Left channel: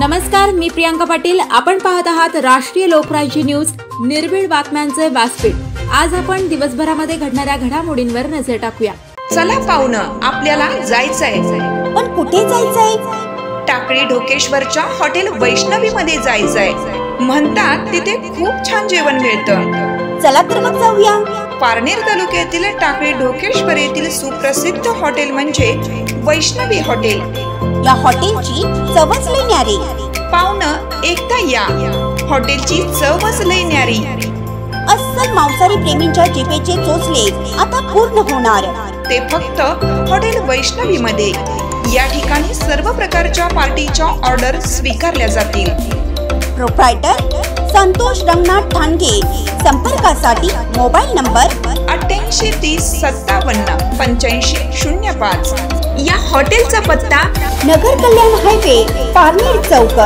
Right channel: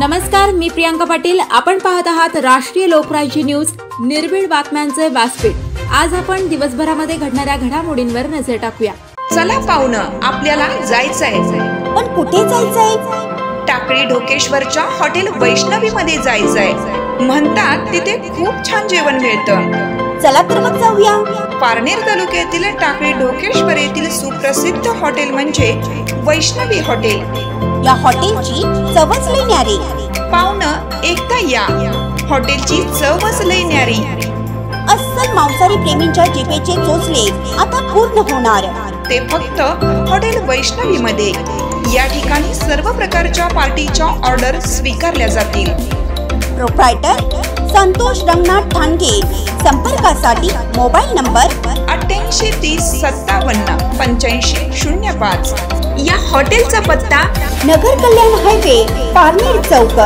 नमस्कार, मी प्रियांका पाटील. आपण पाहत आहात राष्ट्रीय लोकराज्य न्यूज, निर्भीड बातम्यांचे व्यासपीठ. आज आपण दिवसभरामध्ये घडणाऱ्या घडामोडींवर नजर टाकूया. चला पाहुणं, आपल्याला जायचंय. पण कुठे जायचंय? टाकळी ढोकेश्वरच्या हॉटेल वैष्णवी मध्ये जायचंय. म्हणतात तिथे खूप छान जेवण मिळतं. चला तर मग जाऊया. पारनेर तालुक्यातील टाकळी ढोकेश्वर येथील सुप्रसिद्ध हॉटेल म्हणजे वैष्णवी हॉटेल. या हॉटेलची चवच लई न्यारी. पाहुणं, एकदा या. हॉटेलची चवच लई न्यारी. अस्सल मांसाहारी प्रेमींच्या जिभेचे चोचले आता पूर्ण होणार. ते फक्त हॉटेल वैष्णवी मध्ये. या ठिकाणी सर्व प्रकारच्या पार्टीच्या ऑर्डर स्वीकारल्या जातील. प्रोप्रायटर संतोष रंगनाथ ठाणगे. संपर्कासाठी मोबाईल नंबर 8830578505. या हॉटेलचा पत्ता नगर कल्याण हायवे, पारनेर चौक,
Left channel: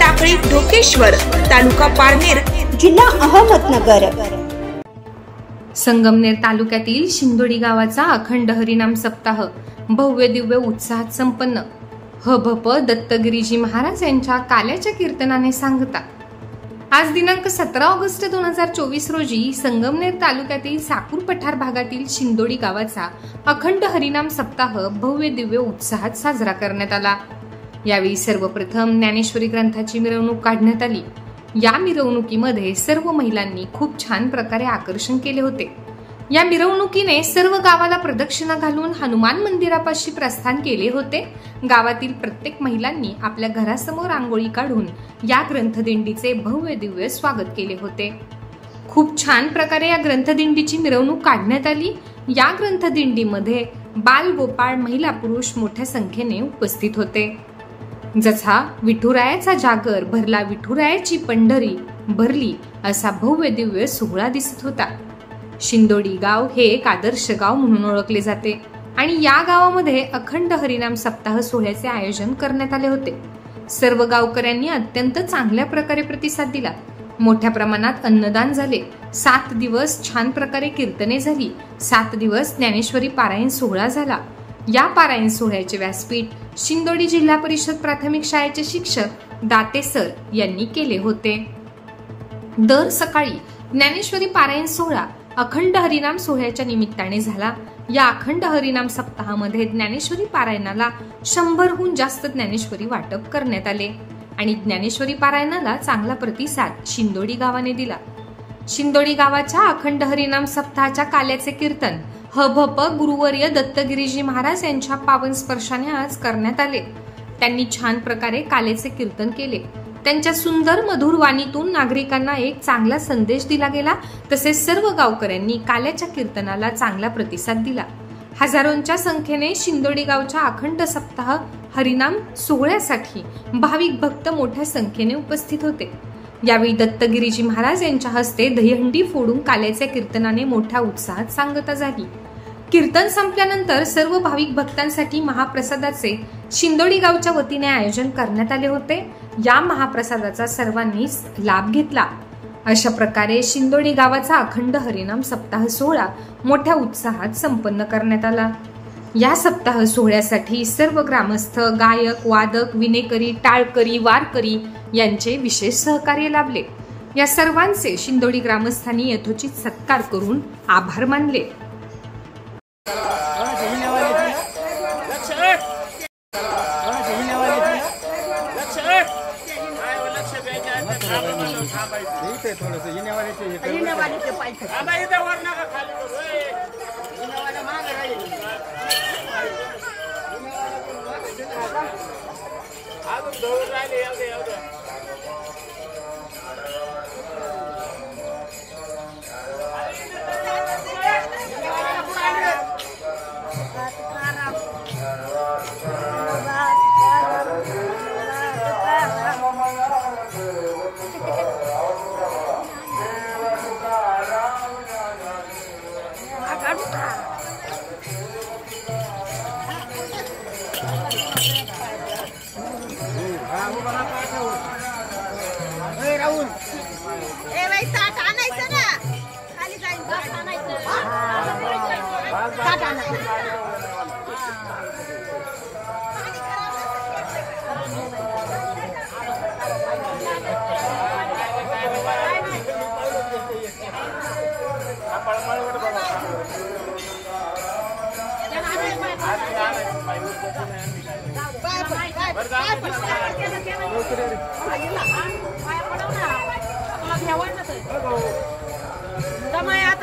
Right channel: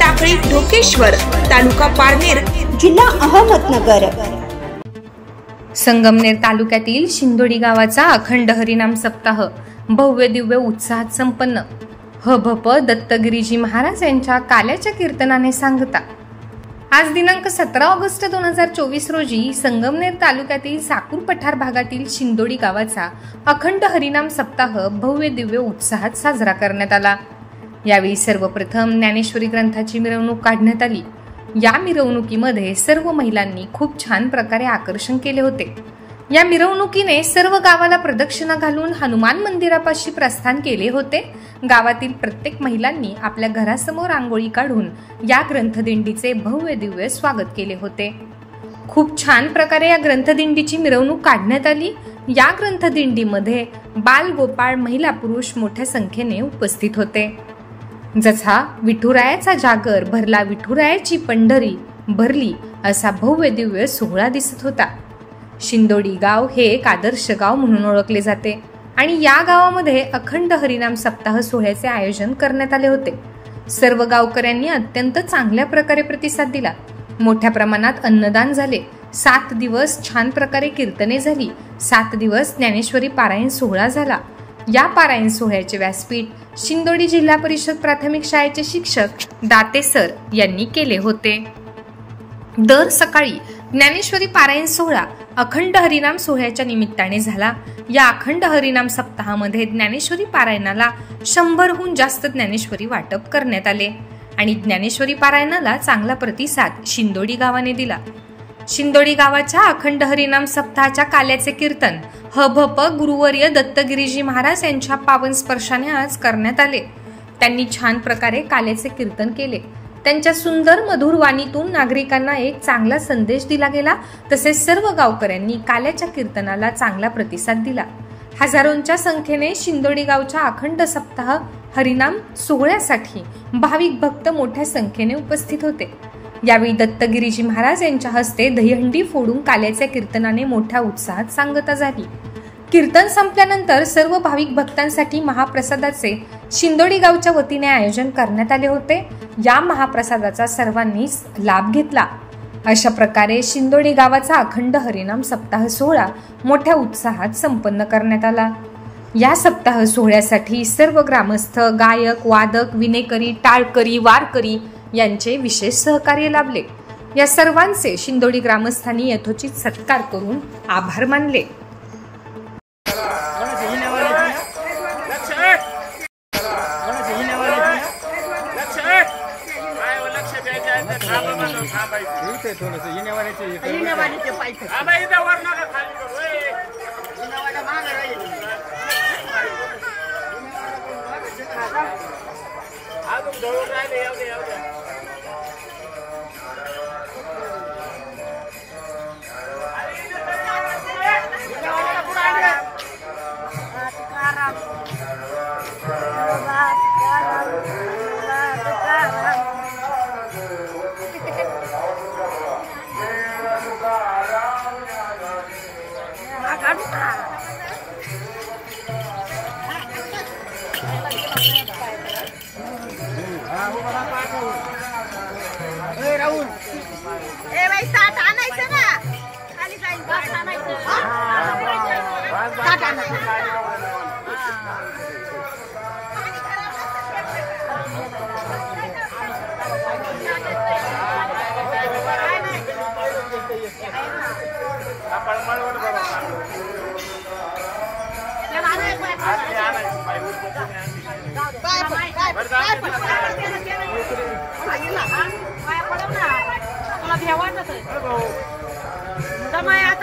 टाकळी ढोकेश्वर, तालुका पारनेर, जिल्हा अहमदनगर. संगमनेर तालुक्यातील शिंदोडी गावाचा अखंड हरिनाम सप्ताह भव्य दिव्य उत्साहात संपन्न. हभप दत्तगिरीजी महाराज यांच्या काल्याच्या कीर्तनाने सांगता. आज दिनांक 17 ऑगस्ट 2024 रोजी संगमनेर तालुक्यातील साकूर पठार भागातील शिंदोडी गावाचा अखंड हरिनाम सप्ताह भव्य दिव्य उत्साहात साजरा करण्यात आला. यावेळी सर्वप्रथम ज्ञानेश्वरी ग्रंथाची मिरवणूक काढण्यात आली. या मिरवणुकीमध्ये सर्व महिलांनी खूप छान प्रकारे आकर्षण केले होते. या मिरवणुकीने सर्व गावाला प्रदक्षिणा घालून हनुमान मंदिरापाशी प्रस्थान केले होते. गावातील प्रत्येक महिलांनी आपल्या घरासमोर रांगोळी काढून या ग्रंथदिंडीचे भव्य दिव्य स्वागत केले होते. खूप छान प्रकारे या ग्रंथदिंडीची मिरवणूक काढण्यात आली. या ग्रंथदिंडीमध्ये बाल, गोपाळ, महिला, पुरुष मोठ्या संख्येने उपस्थित होते. जसा विठुरायाचा जागर भरला, विठुरायाची पंढरी भरली, असा भव्य दिव्य सोहळा दिसत होता. शिंदोडी गाव हे एक आदर्श गाव म्हणून ओळखले जाते आणि या गावामध्ये अखंड हरिनाम सप्ताह सोहळ्याचे आयोजन करण्यात आले होते. सर्व गावकऱ्यांनी अत्यंत चांगल्या प्रकारे प्रतिसाद दिला. मोठ्या प्रमाणात अन्नदान झाले. 7 दिवस छान प्रकारे कीर्तने झाली. 7 दिवस ज्ञानेश्वरी पारायण सोहळा झाला. या पारायण सोहळ्याचे व्यासपीठ शिंदोडी जिल्हा परिषद प्राथमिक शाळेचे शिक्षक दाते सर यांनी केले होते. दर सकाळी ज्ञानेश्वरी पारायण सोहळा अखंड हरिनाम सोहळ्याच्या निमित्ताने झाला. या अखंड हरिनाम सप्ताहामध्ये ज्ञानेश्वरी पारायणाला 100हून जास्त ज्ञानेश्वरी वाटप करण्यात आले आणि ज्ञानेश्वरी पारायणाला चांगला प्रतिसाद शिंदोडी गावाने दिला. शिंदोडी गावाच्या अखंड हरिनाम सप्ताहाच्या काल्याचे कीर्तन हभप गुरुवर्य दत्तगिरीजी महाराज यांच्या पावन स्पर्शाने आज करण्यात आले. त्यांनी छान प्रकारे काल्याचे कीर्तन केले. त्यांच्या सुंदर मधुर वाणीतून नागरिकांना एक चांगला संदेश दिला गेला. तसेच सर्व गावकऱ्यांनी काल्याच्या कीर्तनाला चांगला प्रतिसाद दिला. हजारोंच्या संख्येने शिंदोडी गावच्या अखंड सप्ताह हरिनाम सोहळ्यासाठी भाविक भक्त मोठ्या संख्येने उपस्थित होते. यावेळी दत्तगिरीजी महाराज यांच्या हस्ते दहीहंडी फोडून काल्याच्या कीर्तनाने मोठ्या उत्साहात सांगता झाली. कीर्तन संपल्यानंतर सर्व भाविक भक्तांसाठी महाप्रसादाचे शिंदोडी गावच्या वतीने आयोजन करण्यात आले होते. या महाप्रसादाचा सर्वांनी लाभ घेतला. अशा प्रकारे शिंदोडी गावाचा अखंड हरिनाम सप्ताह सोहळा मोठ्या उत्साहात संपन्न करण्यात आला. या सप्ताह सोहळ्यासाठी सर्व ग्रामस्थ, गायक, वादक, विनेकरी, टाळकरी, वारकरी यांचे विशेष सहकार्य लाभले. या सर्वांचे शिंदोडी ग्रामस्थांनी यथोचित सत्कार करून आभार मानले.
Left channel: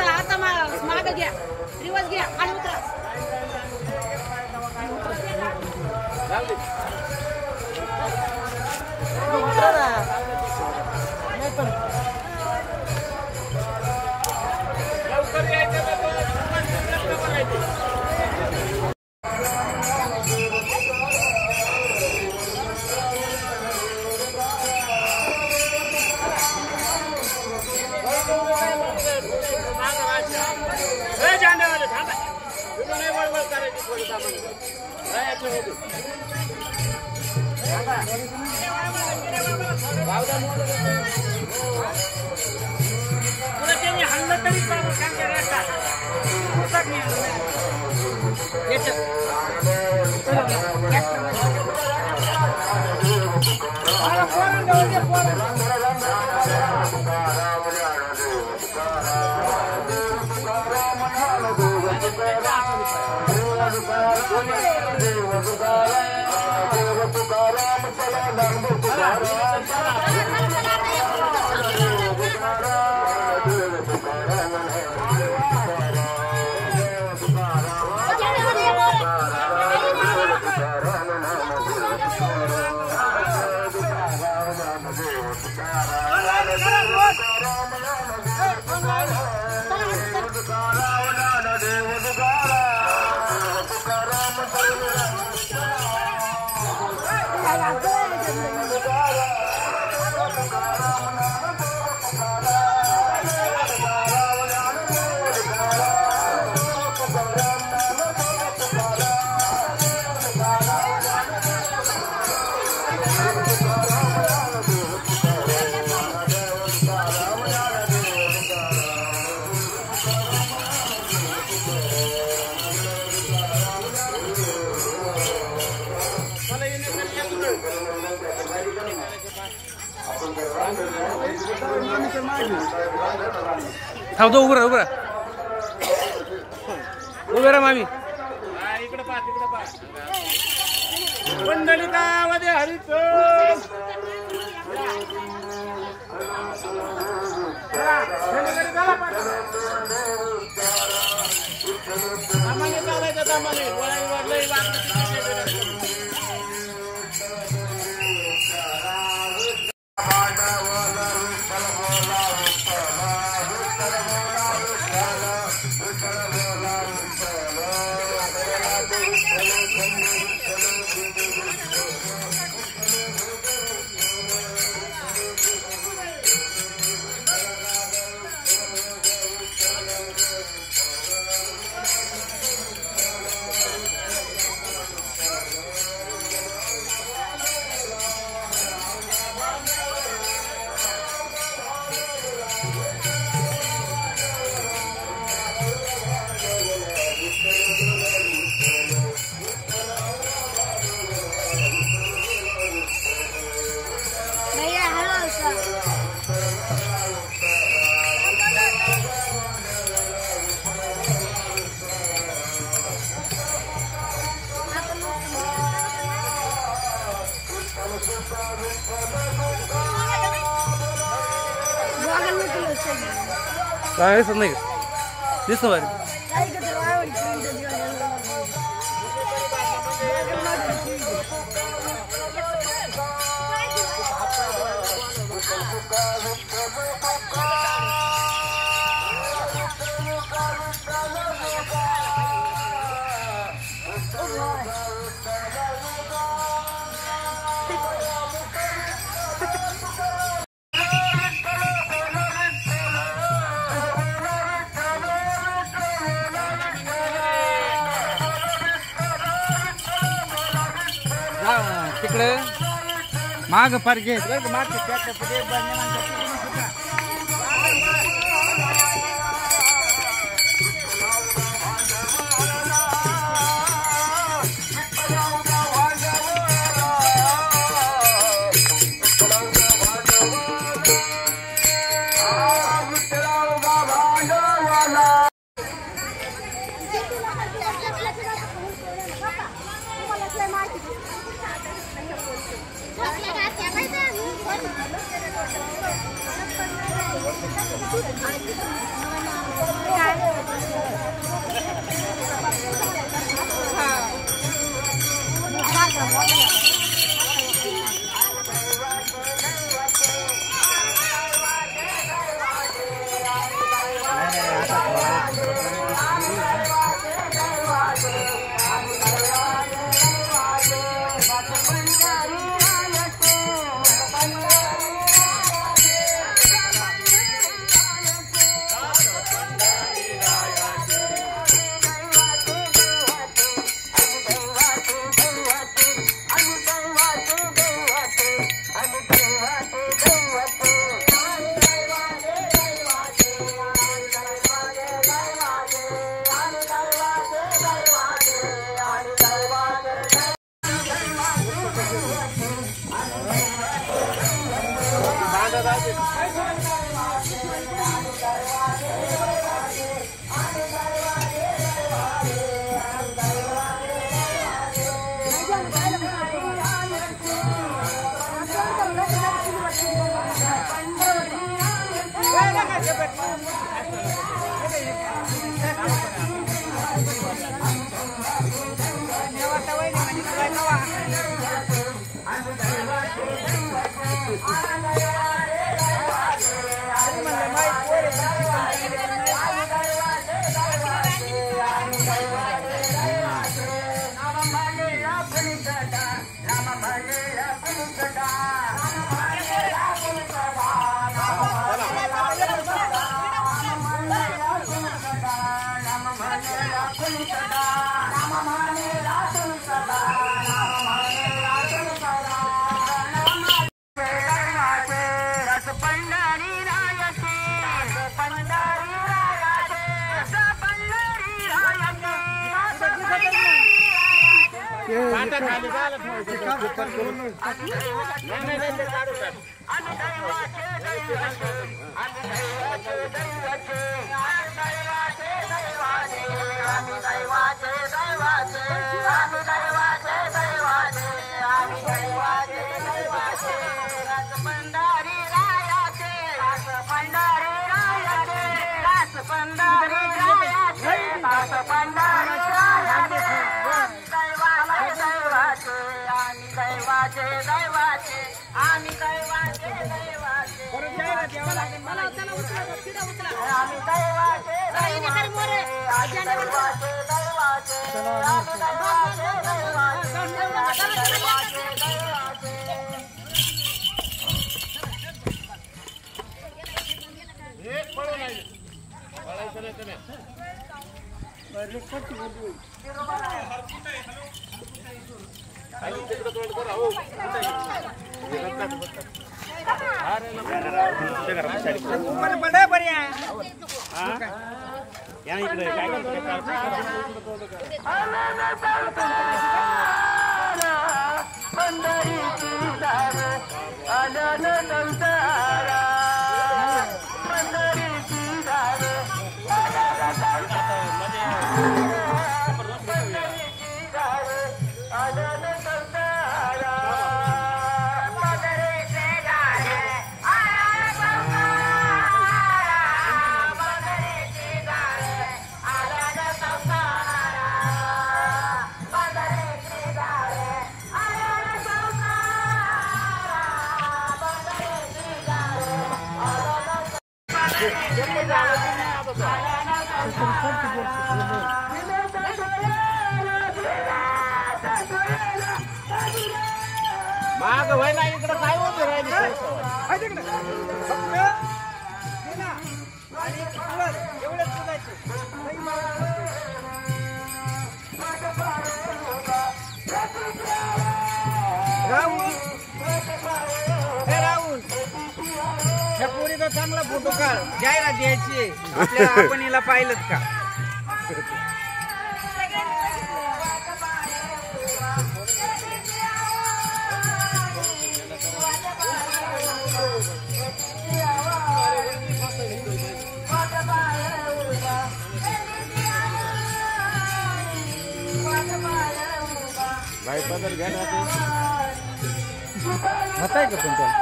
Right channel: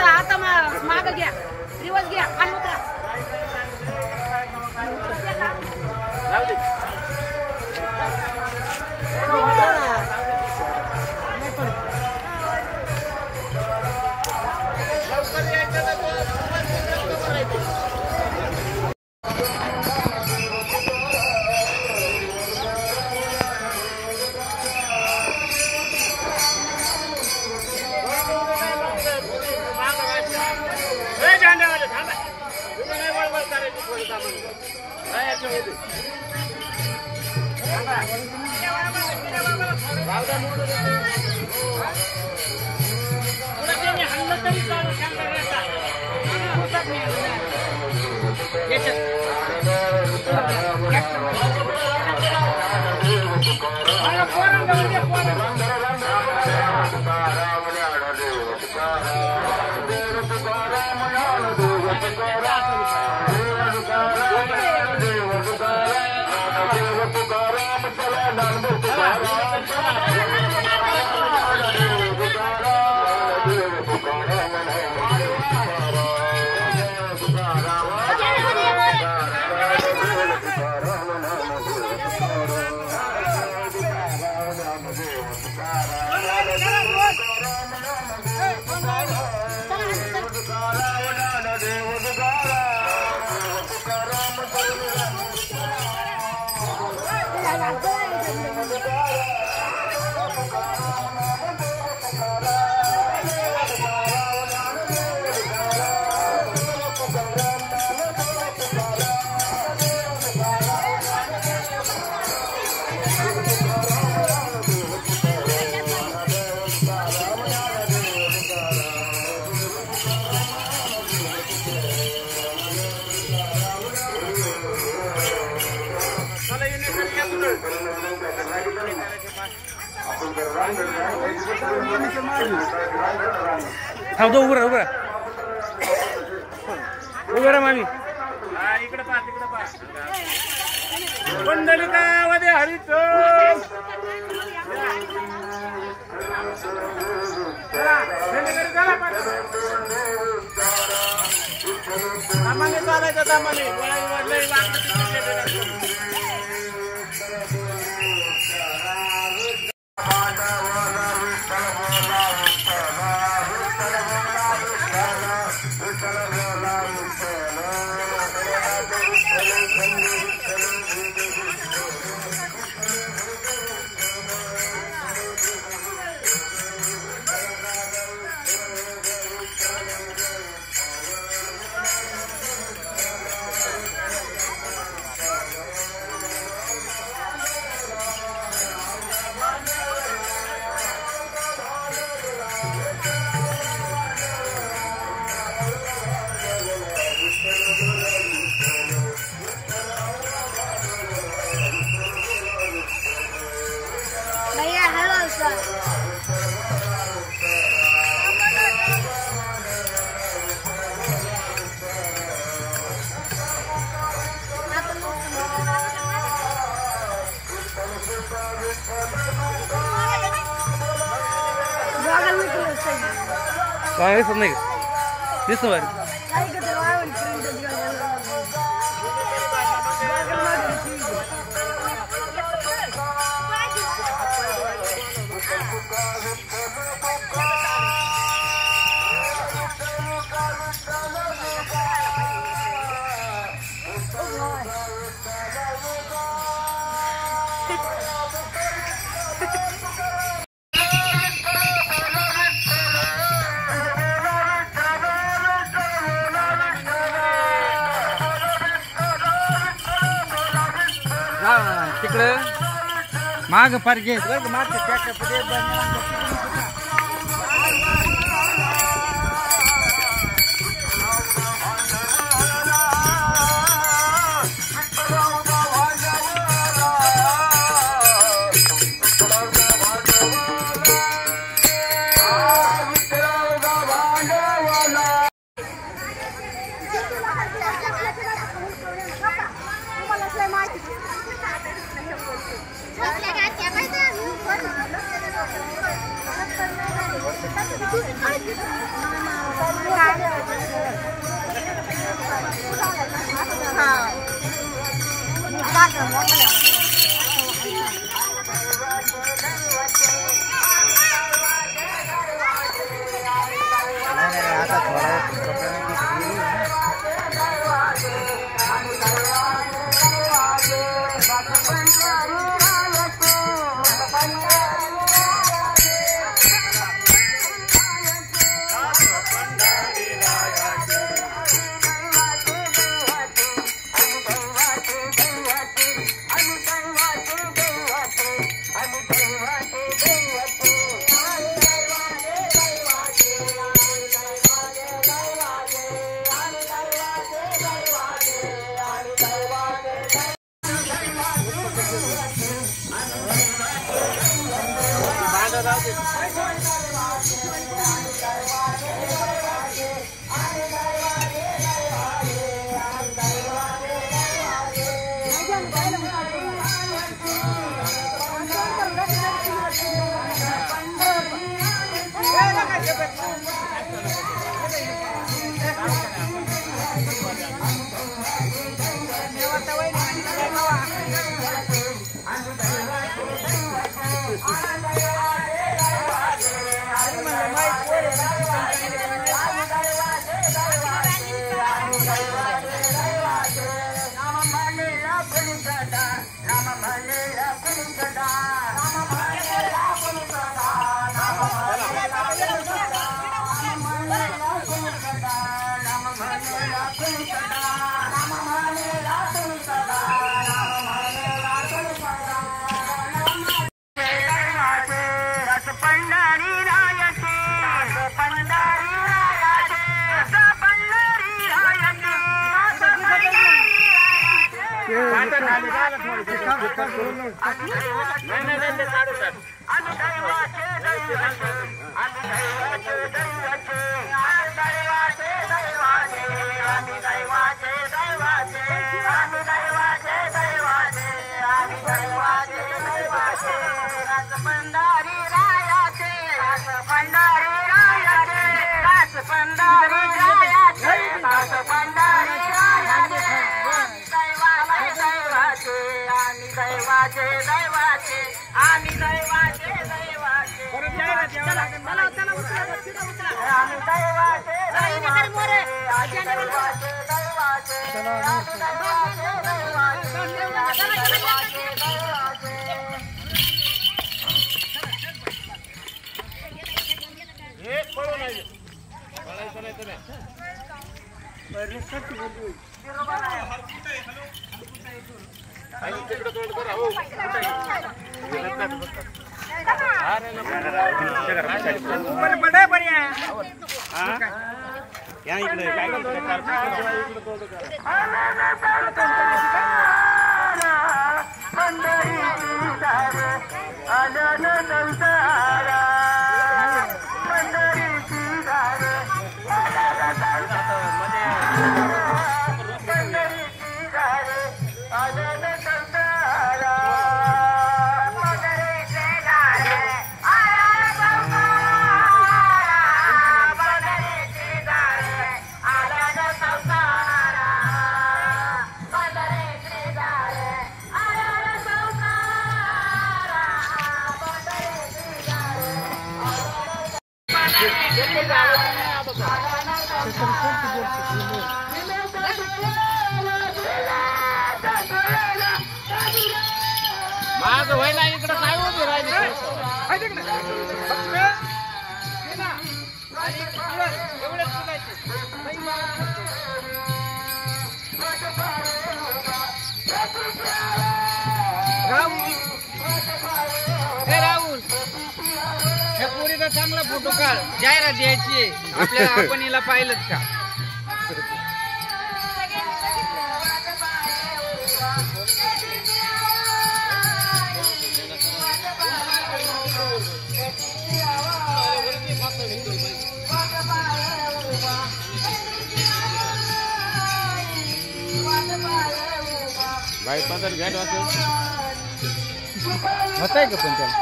आता माग घ्या, रिवर्स घ्या आणि उतरा. थांबतो, उभं राहा मामी. इकडे पहा, पंढरीकामध्ये हरित सामान्य चालायचं, सामान्य काय दिसत नाही, दिसतो बाहेर. तिकडे माग पार्किंग आता थोडा माग व्हायला इकडे काय उभी राहिली राहुल ह्या पोरीचा चांगला फोटो काढ, जाहिरात द्यायची आहे आपल्या. आपण हिला पाहिलंच का? भाई होत आहे का पण त्याला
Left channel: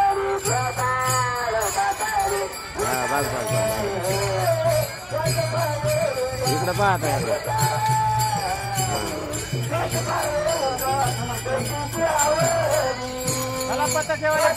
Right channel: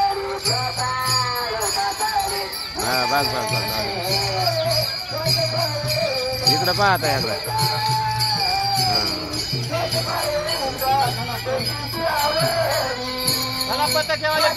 इकडं पाहता यायला मला पत्ता ठेवायला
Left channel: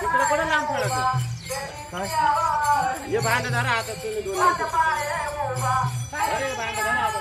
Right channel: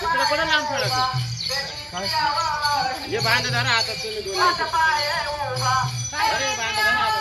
तिकडे कोणा लांब पडायचं हे बांध धरा आता तुम्ही दोन अरे बांध धरा आता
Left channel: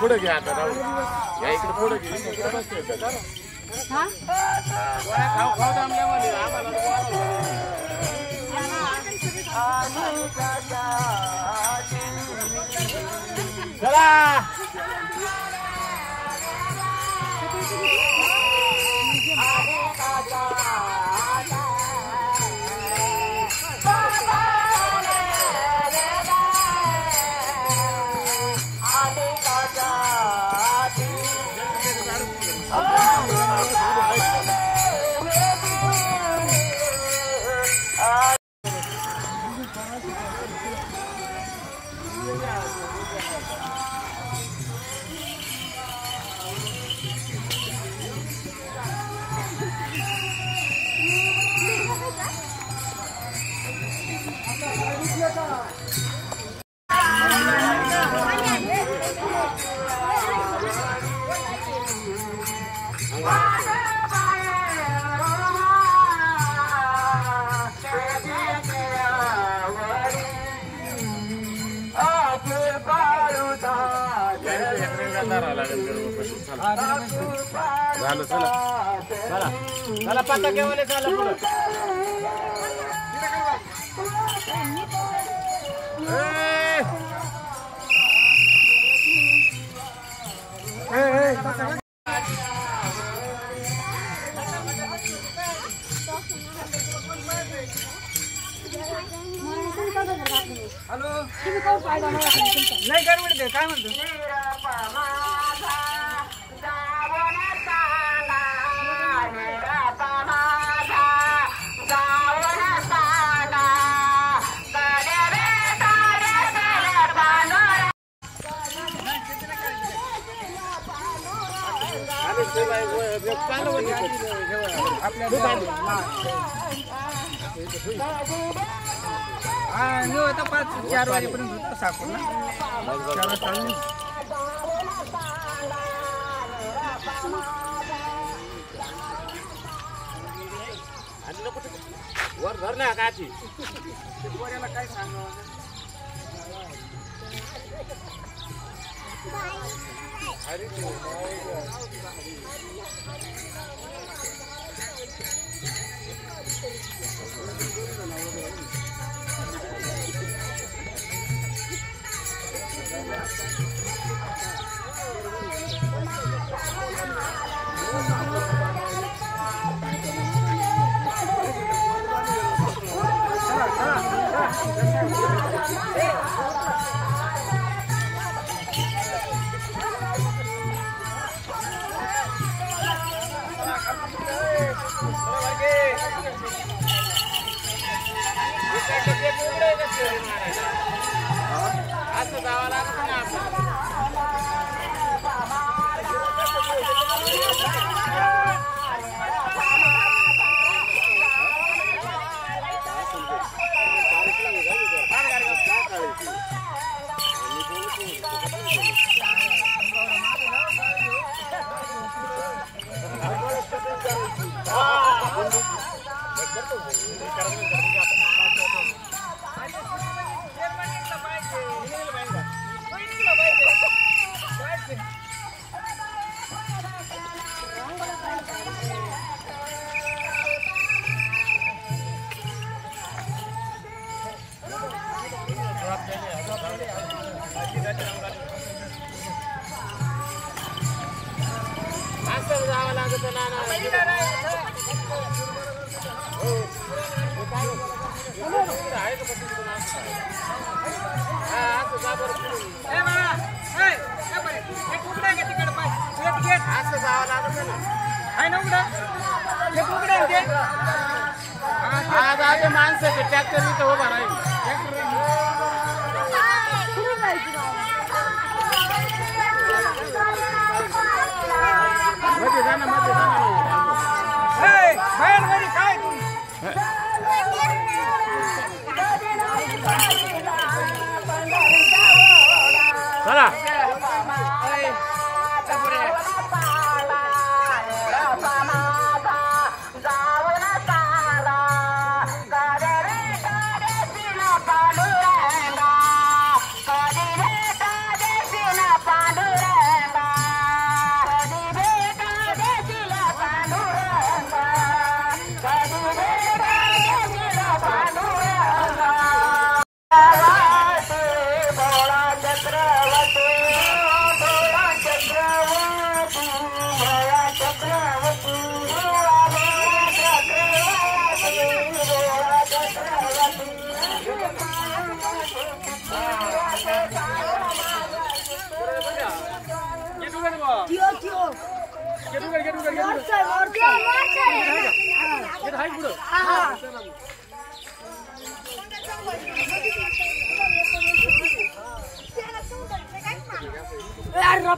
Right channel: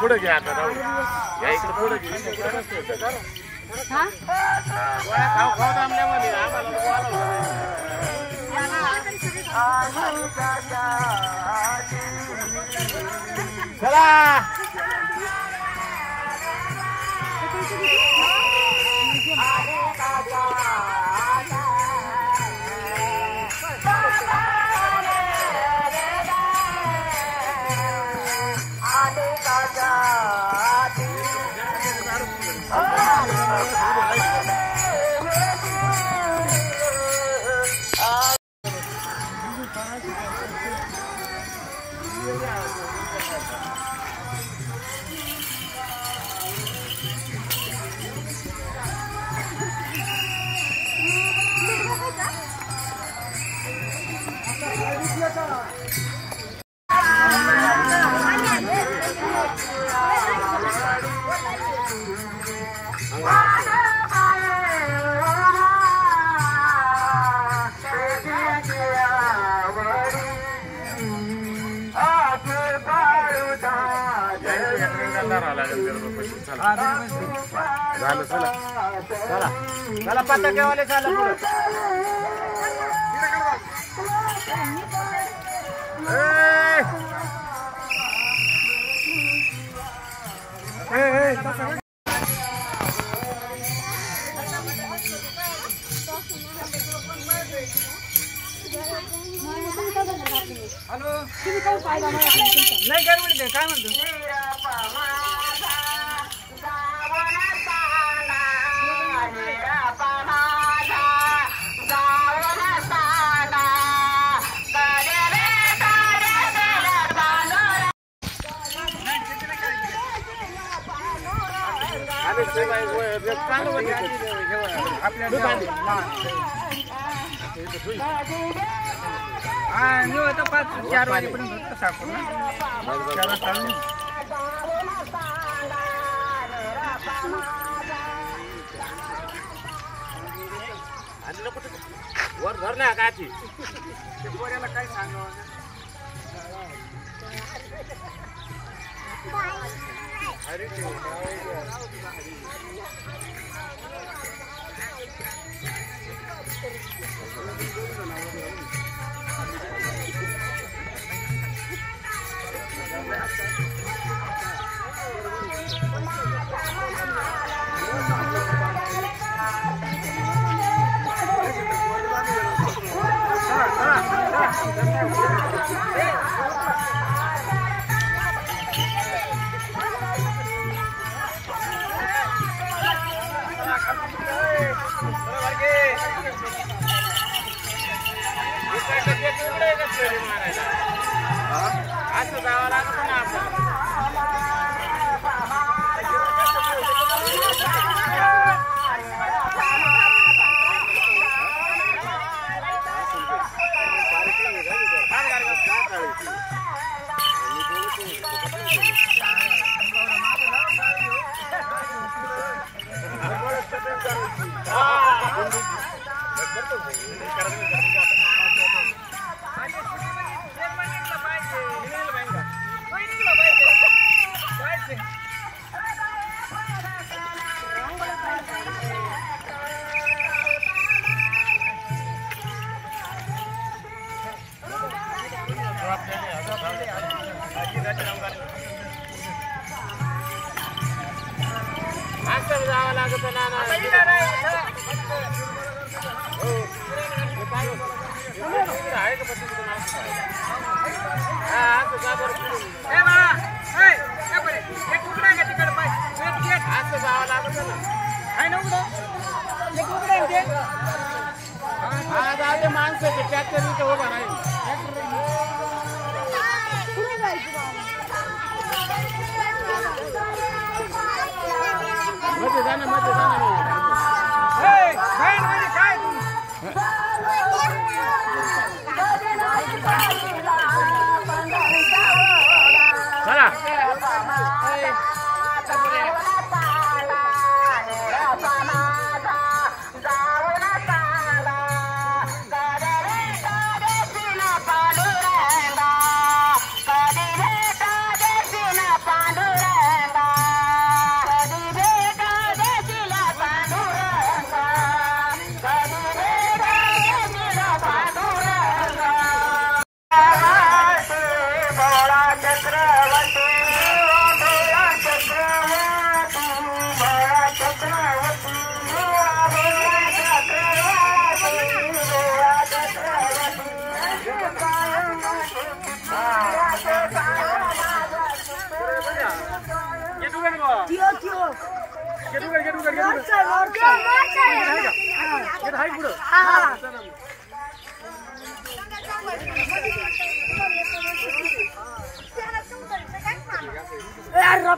पुढे घ्या आता राहू या इकडे पुढे घे खाऊ खाऊ थांबल्यामध्ये आम्हाला चला झालं चला चला चला पटाकेवाले चला हॅलो तुम्ही काय फायदा नाही गडबड दे काय म्हणतो आता 5-4 वाजेपर्यंत सापडू ना आणि लोक वर धरल्या काची ते पोऱ्याला काय सांगावं अरे ते असं जावं लागत ना आपल्याला. असं जावं लागत ना. असं जावं लागत ना. आज आधी माणसं ट्रॅक्टर इथं उभा राहील. मध्ये जाणं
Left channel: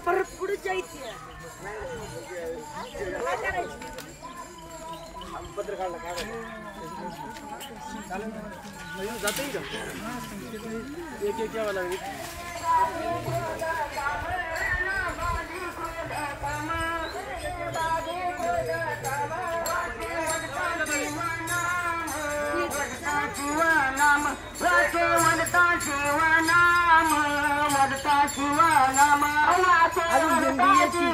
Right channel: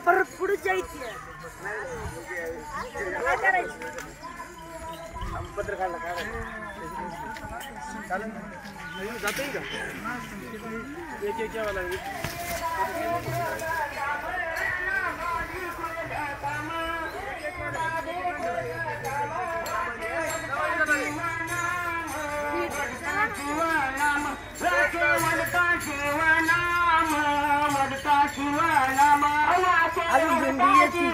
परत पुढे जायचं. पत्र काढला काय जाते का एक एक यावं लागेल. अजून दिंडी याची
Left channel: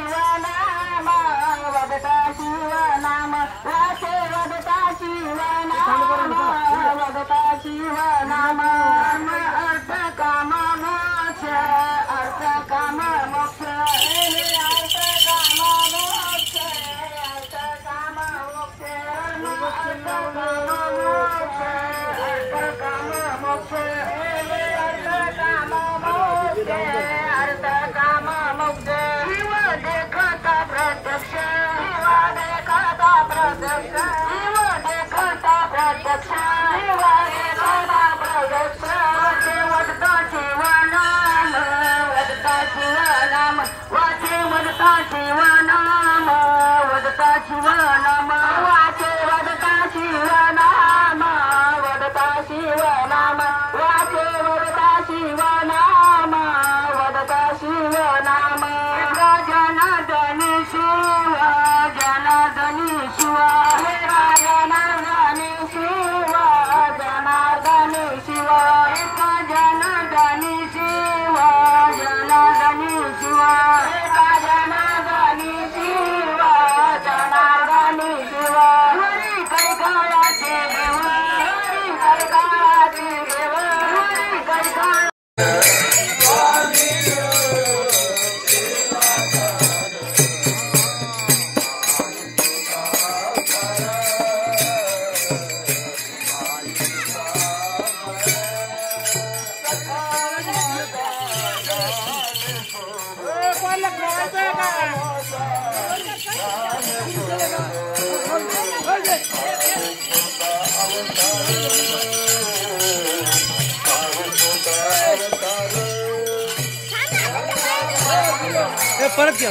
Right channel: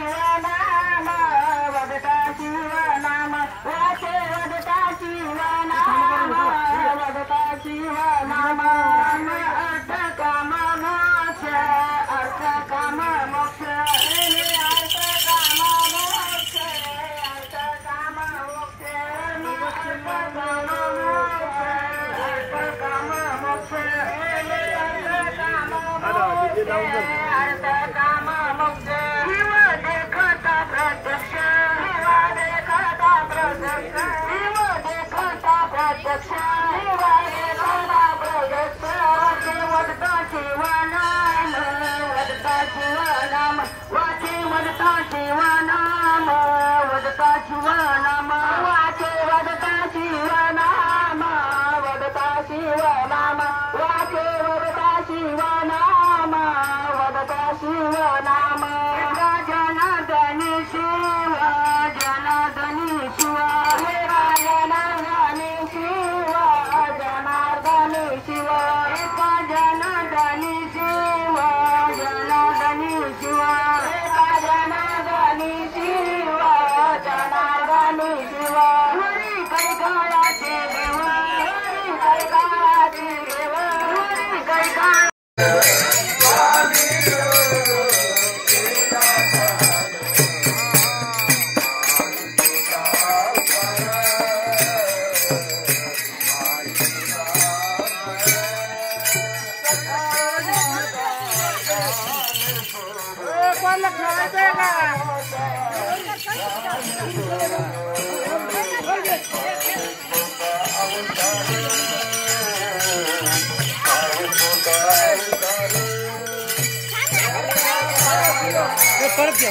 परत घ्या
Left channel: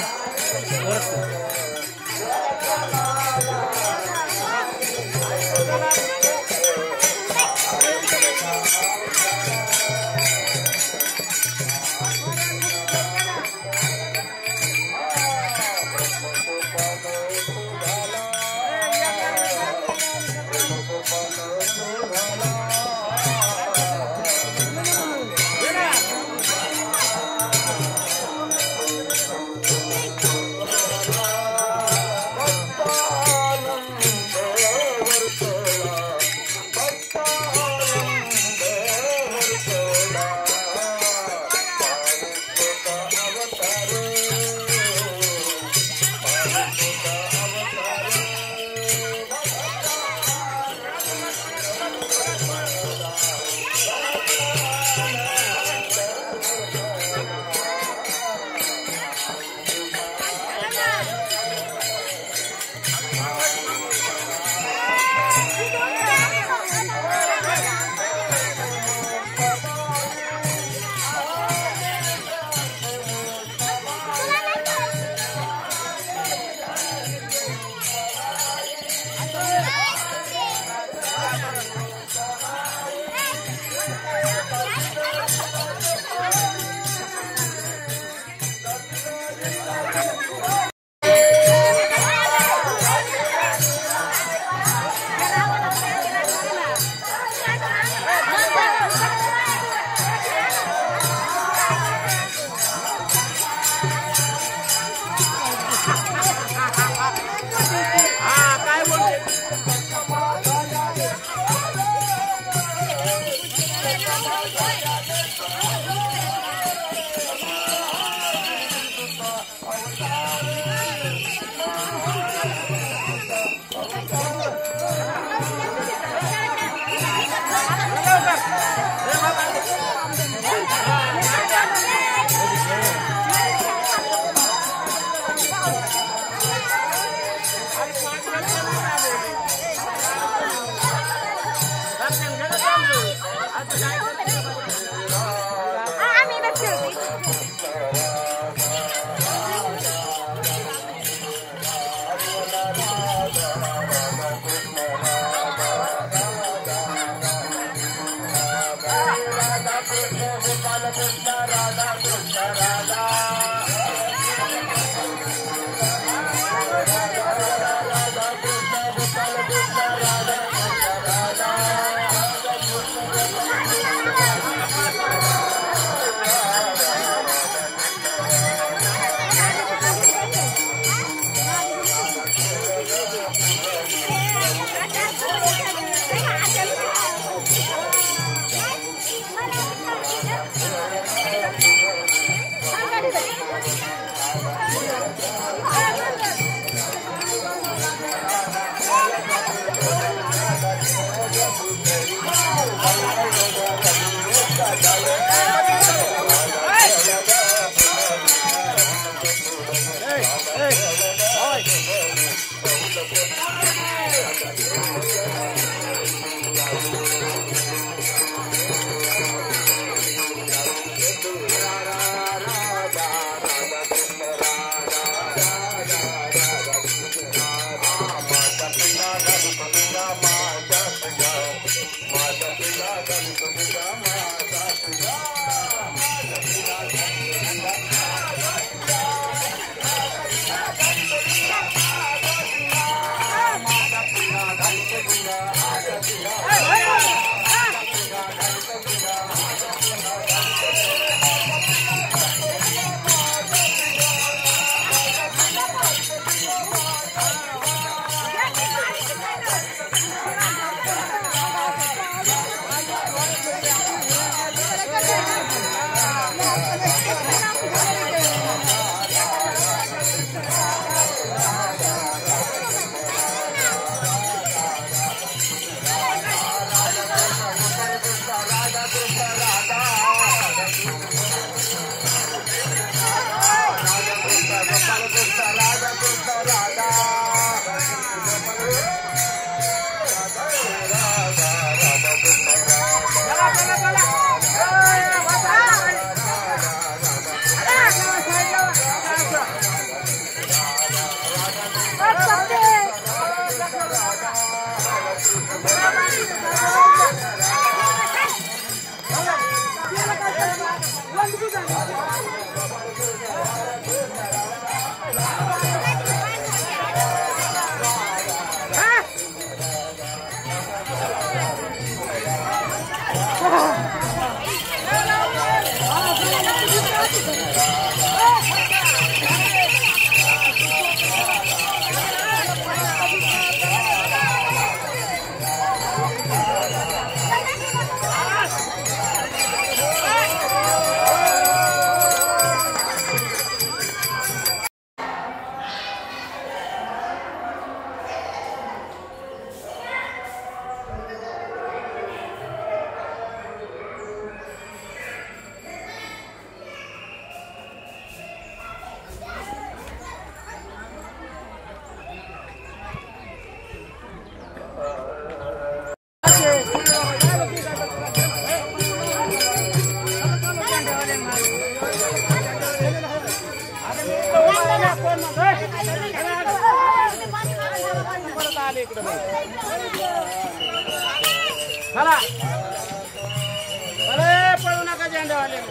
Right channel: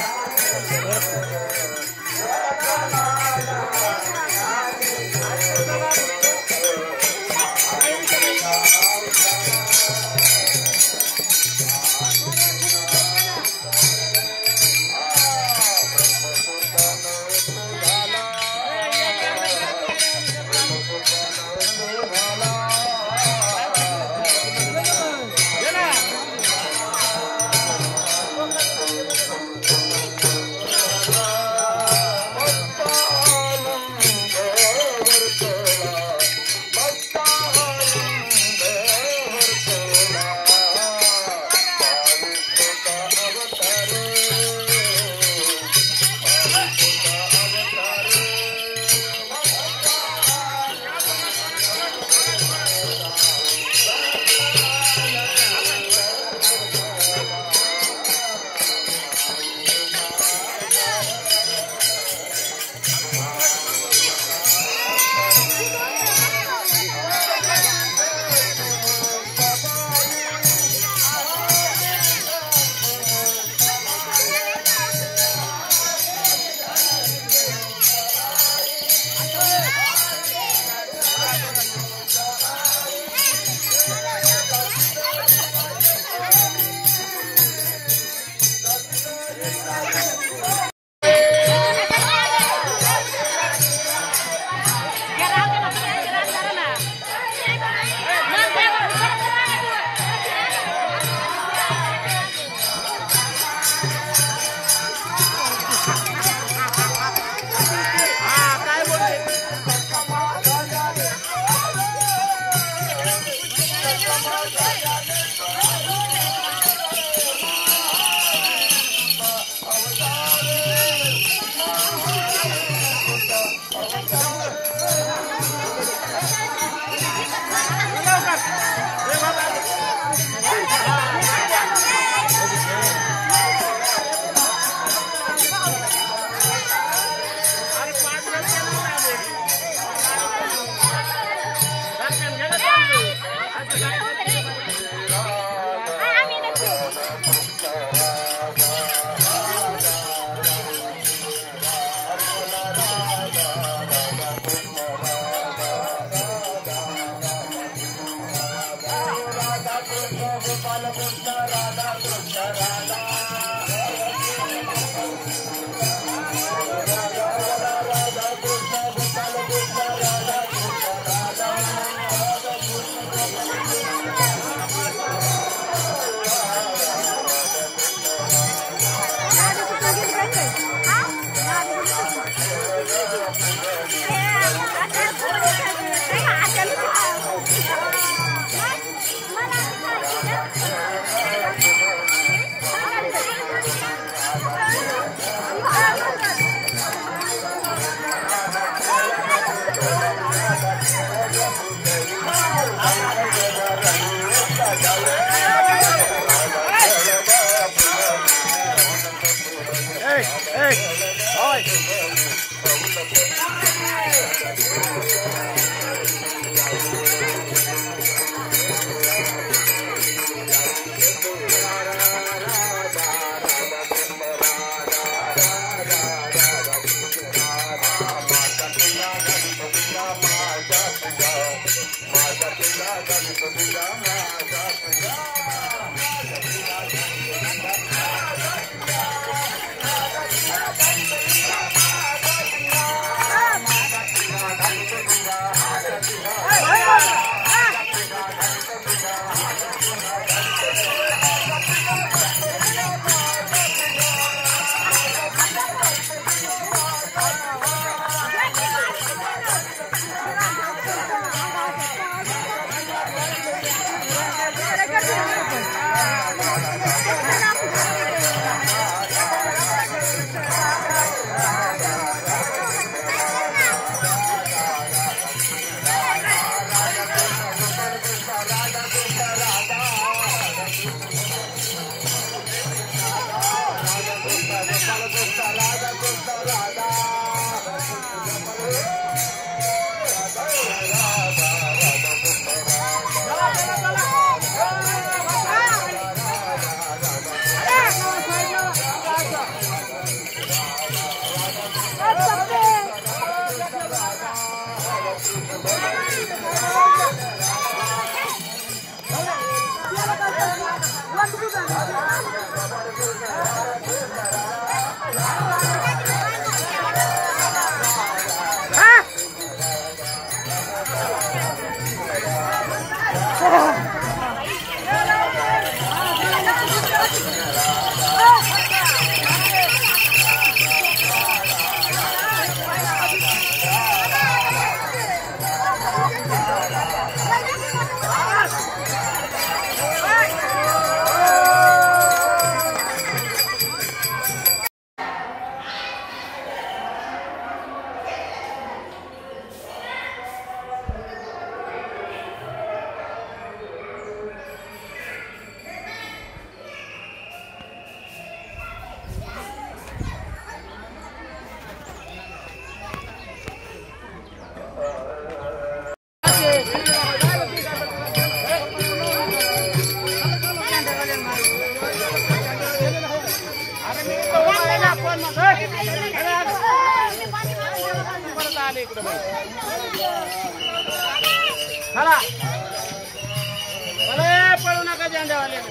परत Thank you. चला पळू नका झेंड्यावाले.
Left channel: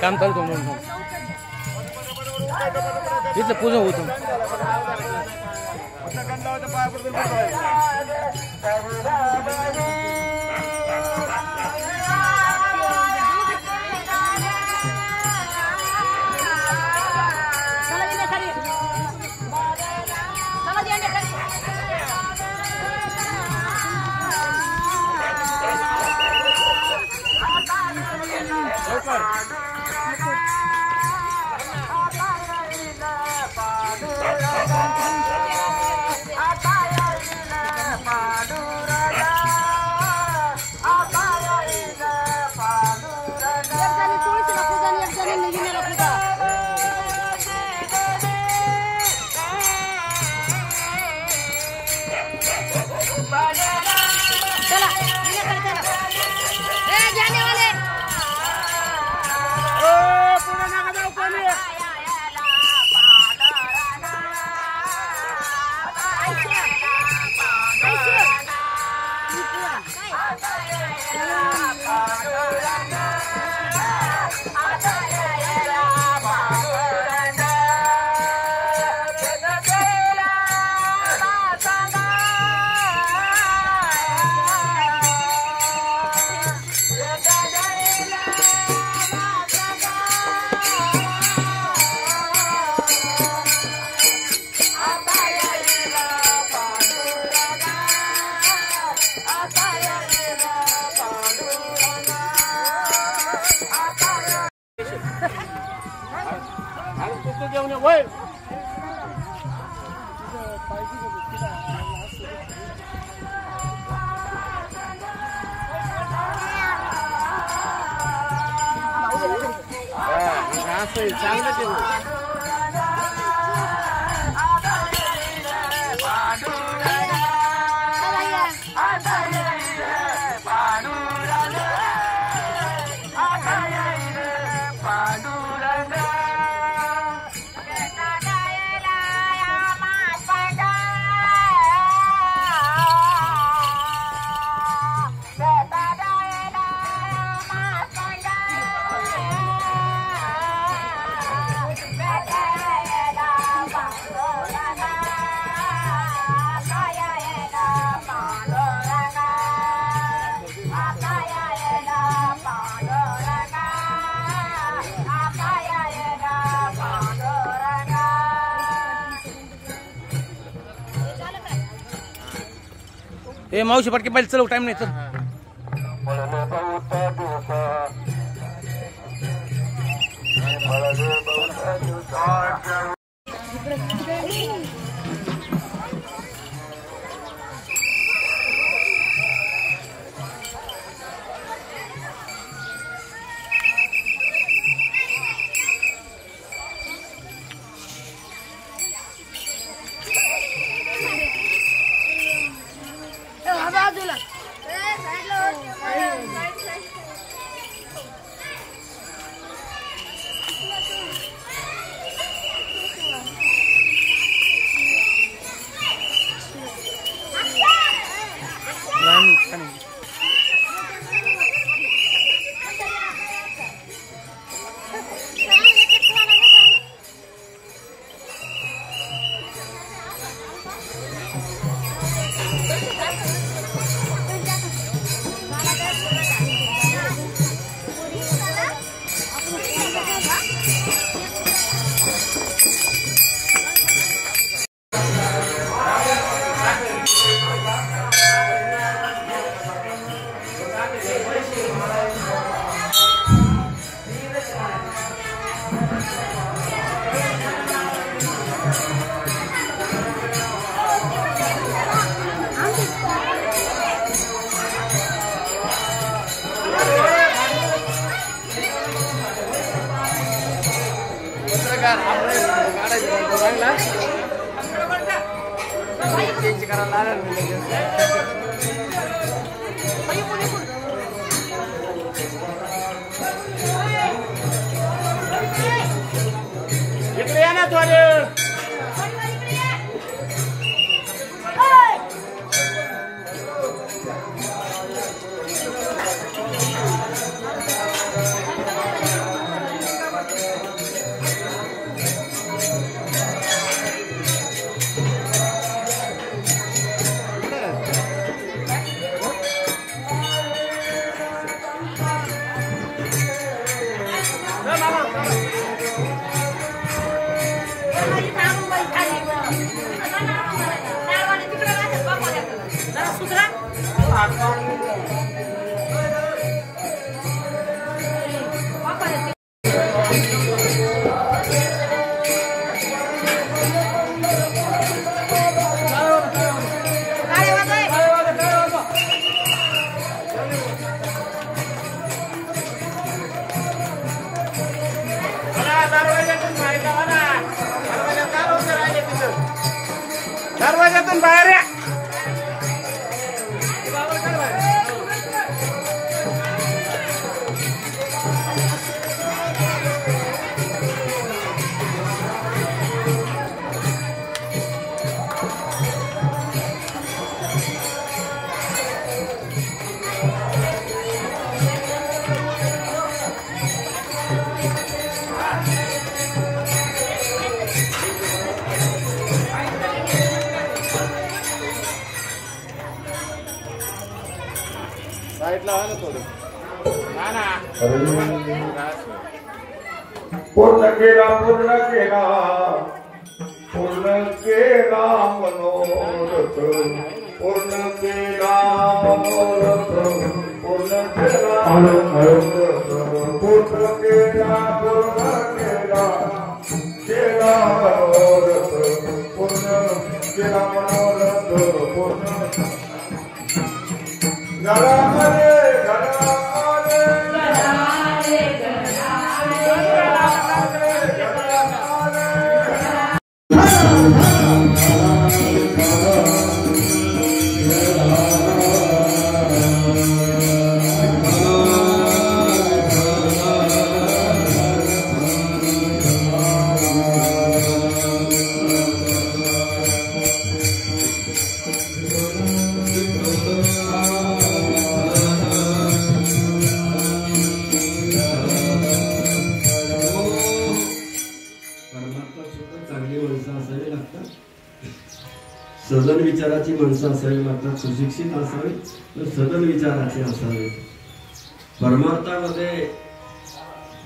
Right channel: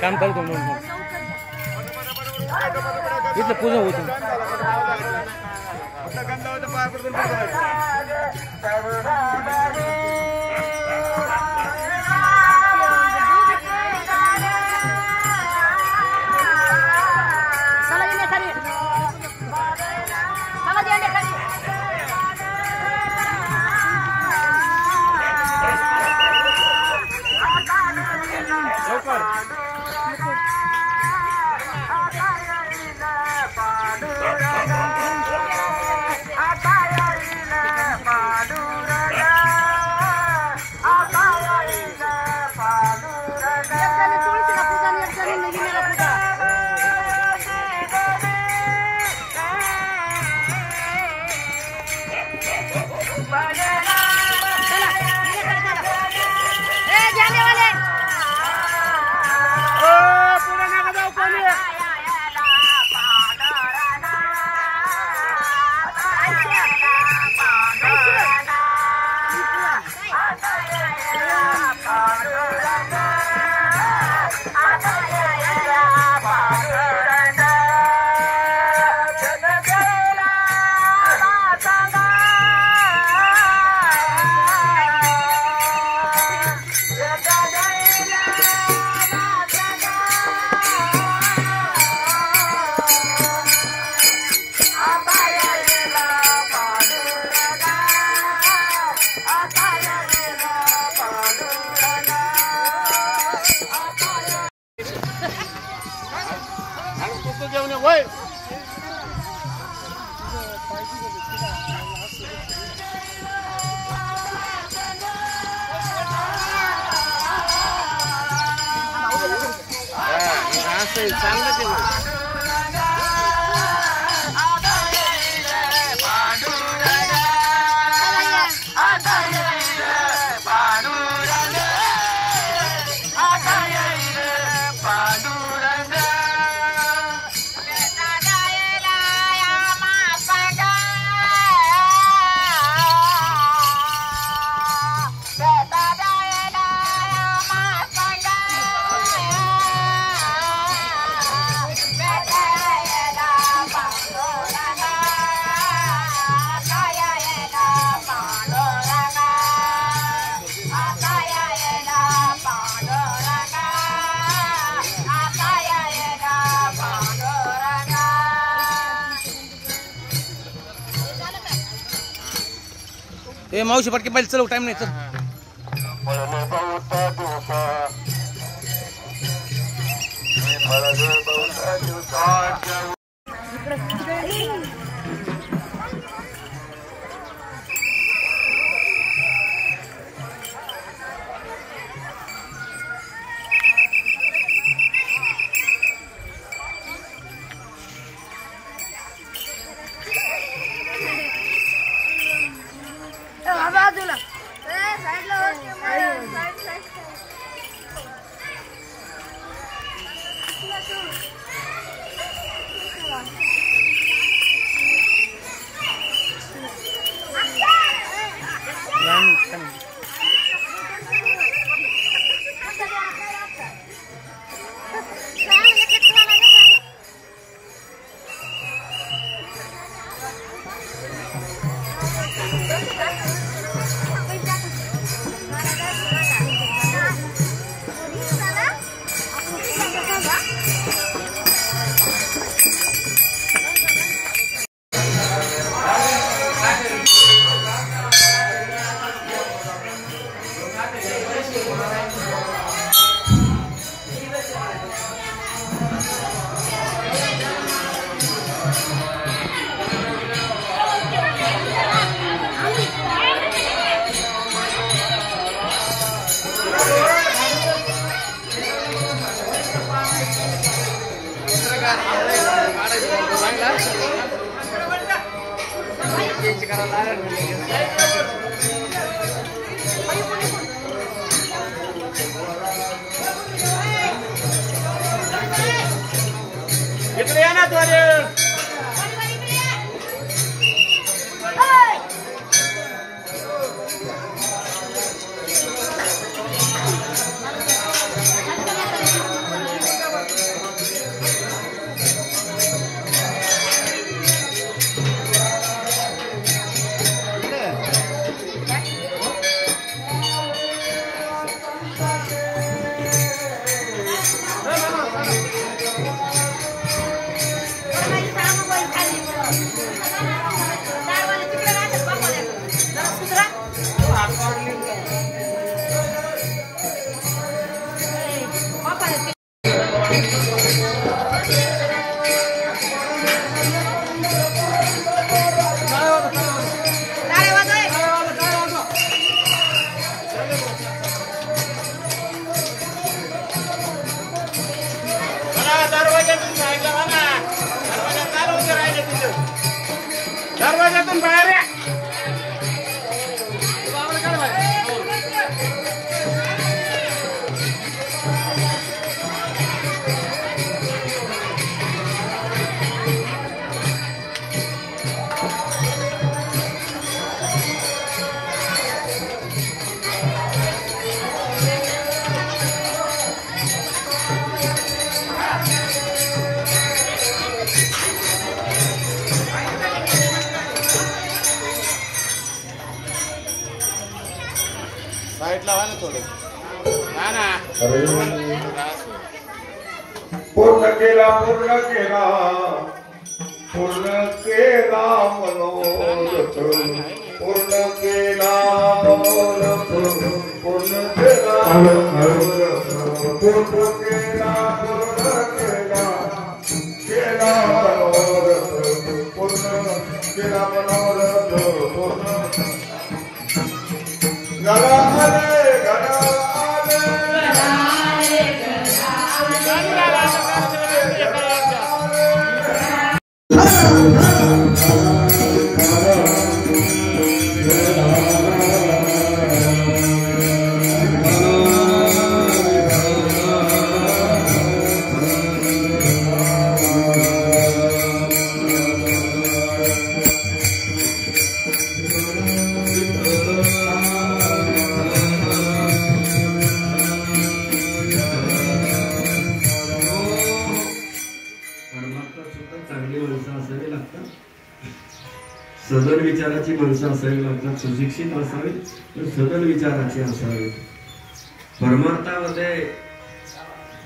काम करतो म्हणून इथलं पूजा होतं. असं चांगलं ते ए मावशी पटके पहिले चलव टाइम नाही चल इकडे या ना द्वारे दरवाजातून बाहेर या पूर्ण केला पूर्ण केला पूर्ण केला मनोरथ पूर्ण केला मनोरथ पूर्ण केला मनोरथ पूर्ण केला केला केला मनोरथ पूर्ण घराले सदन विचाराची माणसं असावी लागतात, सुशिक्षित असावी, सदन विचाराची असावी. परमार्थामध्ये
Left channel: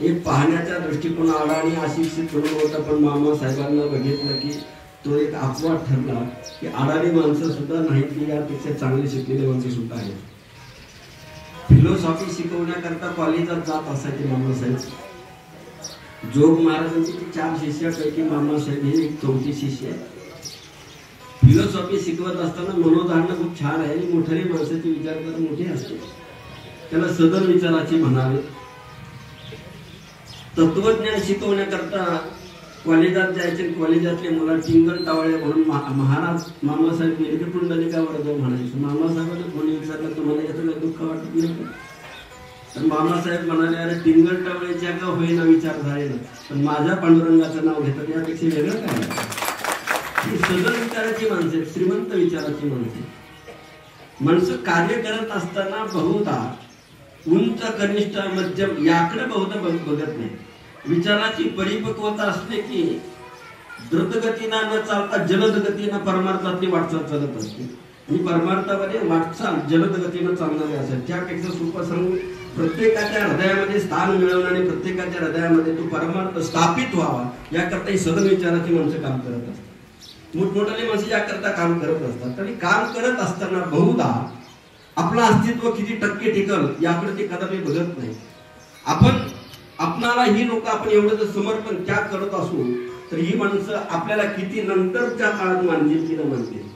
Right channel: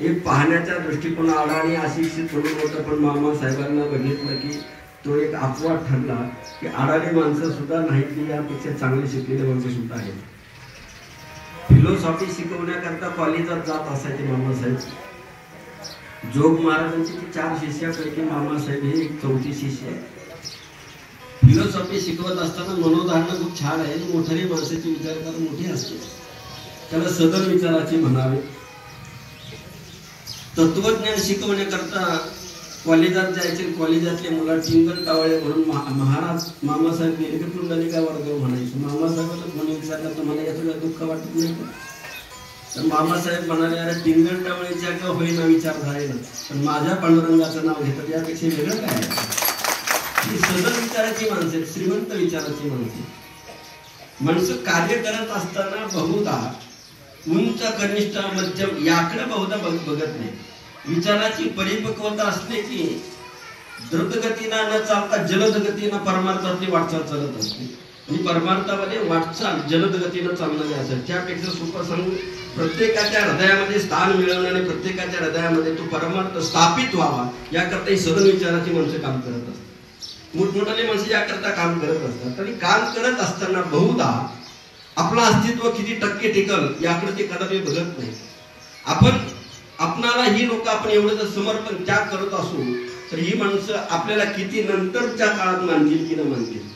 एक पाहण्याच्या दृष्टिकोनाला आणि अशिक्षित म्हणून होता, पण मामासाहेबांना बघितलं की तो एक अपवाद ठरला की अडाणी माणसं सुद्धा नाही की यापेक्षा चांगले शिकलेले माणसं सुद्धा आहेत. फिलॉसॉफी शिकवण्याकरता कॉलेजात जात असायचे मामासाहेब. जोग महाराजांची 4 शिष्यापैकी मामासाहेब हे एक 4थी शिष्य आहे. फिलॉसॉफी शिकवत असताना मनोधारणा खूप छान आहे. मोठे माणसाचे विचार कर मोठे असते, त्याला सदन विचाराची म्हणावे. तत्वज्ञान शिकवण्याकरता कॉलेजात जायचे. कॉलेजातले मुलं टिंगल टावळे म्हणून महाराज मामासाहेब नेमके पुंडलिकावर जाऊ म्हणायचं. मामासाहेबांना कोणी विचारलं तुम्हाला याचं दुःख वाटत नाही तर मामासाहेब म्हणाले, अरे टिंगल टावळेच्या का होईना विचार झाले ना, पण माझ्या पांडुरंगाचं नाव घेतात यापेक्षा वेगळं काय. ही सदन विचाराची माणसं, श्रीमंत विचाराची माणसं कार्य करत असताना बहुधा उंच कनिष्ठ मध्यम याकडे बहुधा बघत नाही. विचाराची परिपक्वता असते की द्रुतगतीनं न चालता जलद गतीनं परमार्थातली वाटचाल चालत असते. आणि परमार्थामध्ये वाटचाल जलद गतीनं चालणारी असेल. त्यापेक्षा सोपं सांगून प्रत्येकाच्या हृदयामध्ये स्थान मिळवणं आणि प्रत्येकाच्या हृदयामध्ये तो परमार्थ स्थापित व्हावा याकरता ही सदन विचाराची माणसं काम करत असतात. मोठमोठाले माणसं याकरता काम करत असतात. आणि काम करत असताना बहुधा आपलं अस्तित्व किती टक्के टिकल याकडे ते कदापि बघत नाही. आपणाला ही लोक आपण एवढं जर समर्पण त्याग करत असू तर ही माणसं आपल्याला किती नंतरच्या काळात मानतील की न मानतील.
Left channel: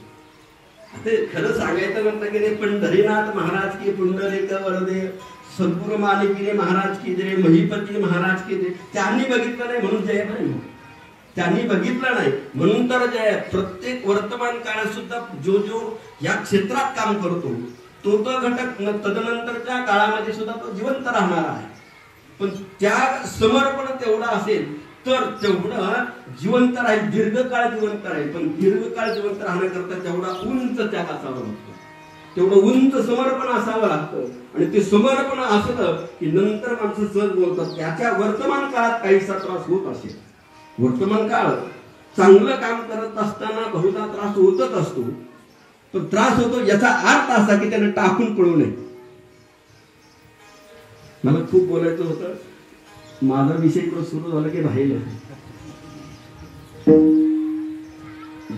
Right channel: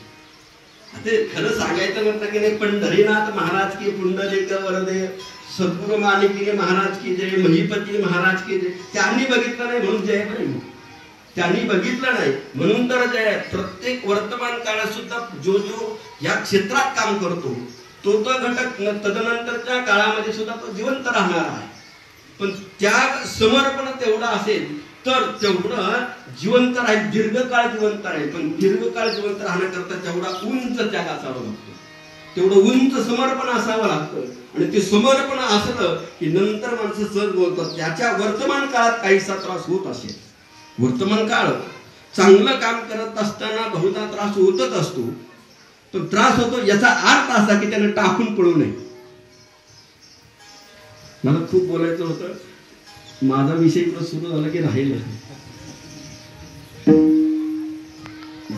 ते खरं सांगायचं म्हटलं की नाही, पंढरीनाथ महाराज की पुंडलिक वरदे सद्गुरु माणिकिनी महाराज की जय, महिपती महाराज की जय. त्यांनी बघितलं नाही म्हणून जय नाही, त्यांनी बघितलं नाही म्हणून तर जय. प्रत्येक वर्तमान काळात सुद्धा जो या क्षेत्रात काम करतो तो घटक तदनंतरच्या काळामध्ये सुद्धा तो जिवंत राहणार आहे. पण त्या समर्पण तेवढं असेल तर तेवढं जिवंत राहील, दीर्घकाळ जिवंत राहील. पण दीर्घकाळ जिवंत राहण्याकरता तेवढा उंच त्याग असावा लागतो, तेवढं उंच समर्पण असावं लागतं. आणि ते समर्पण असलं की नंतर माणसं सहज बोलतात. त्याच्या वर्तमान काळात काहीसा त्रास होत असेल, वर्तमान काळ चांगलं काम करत असताना बहुधा त्रास होतच असतो. पण त्रास होतो याचा अर्थ असा की त्याने टाकून पळू नये. मला खूप बोलायचं होतं, माझा विषय सुरू झाला की राहिलं.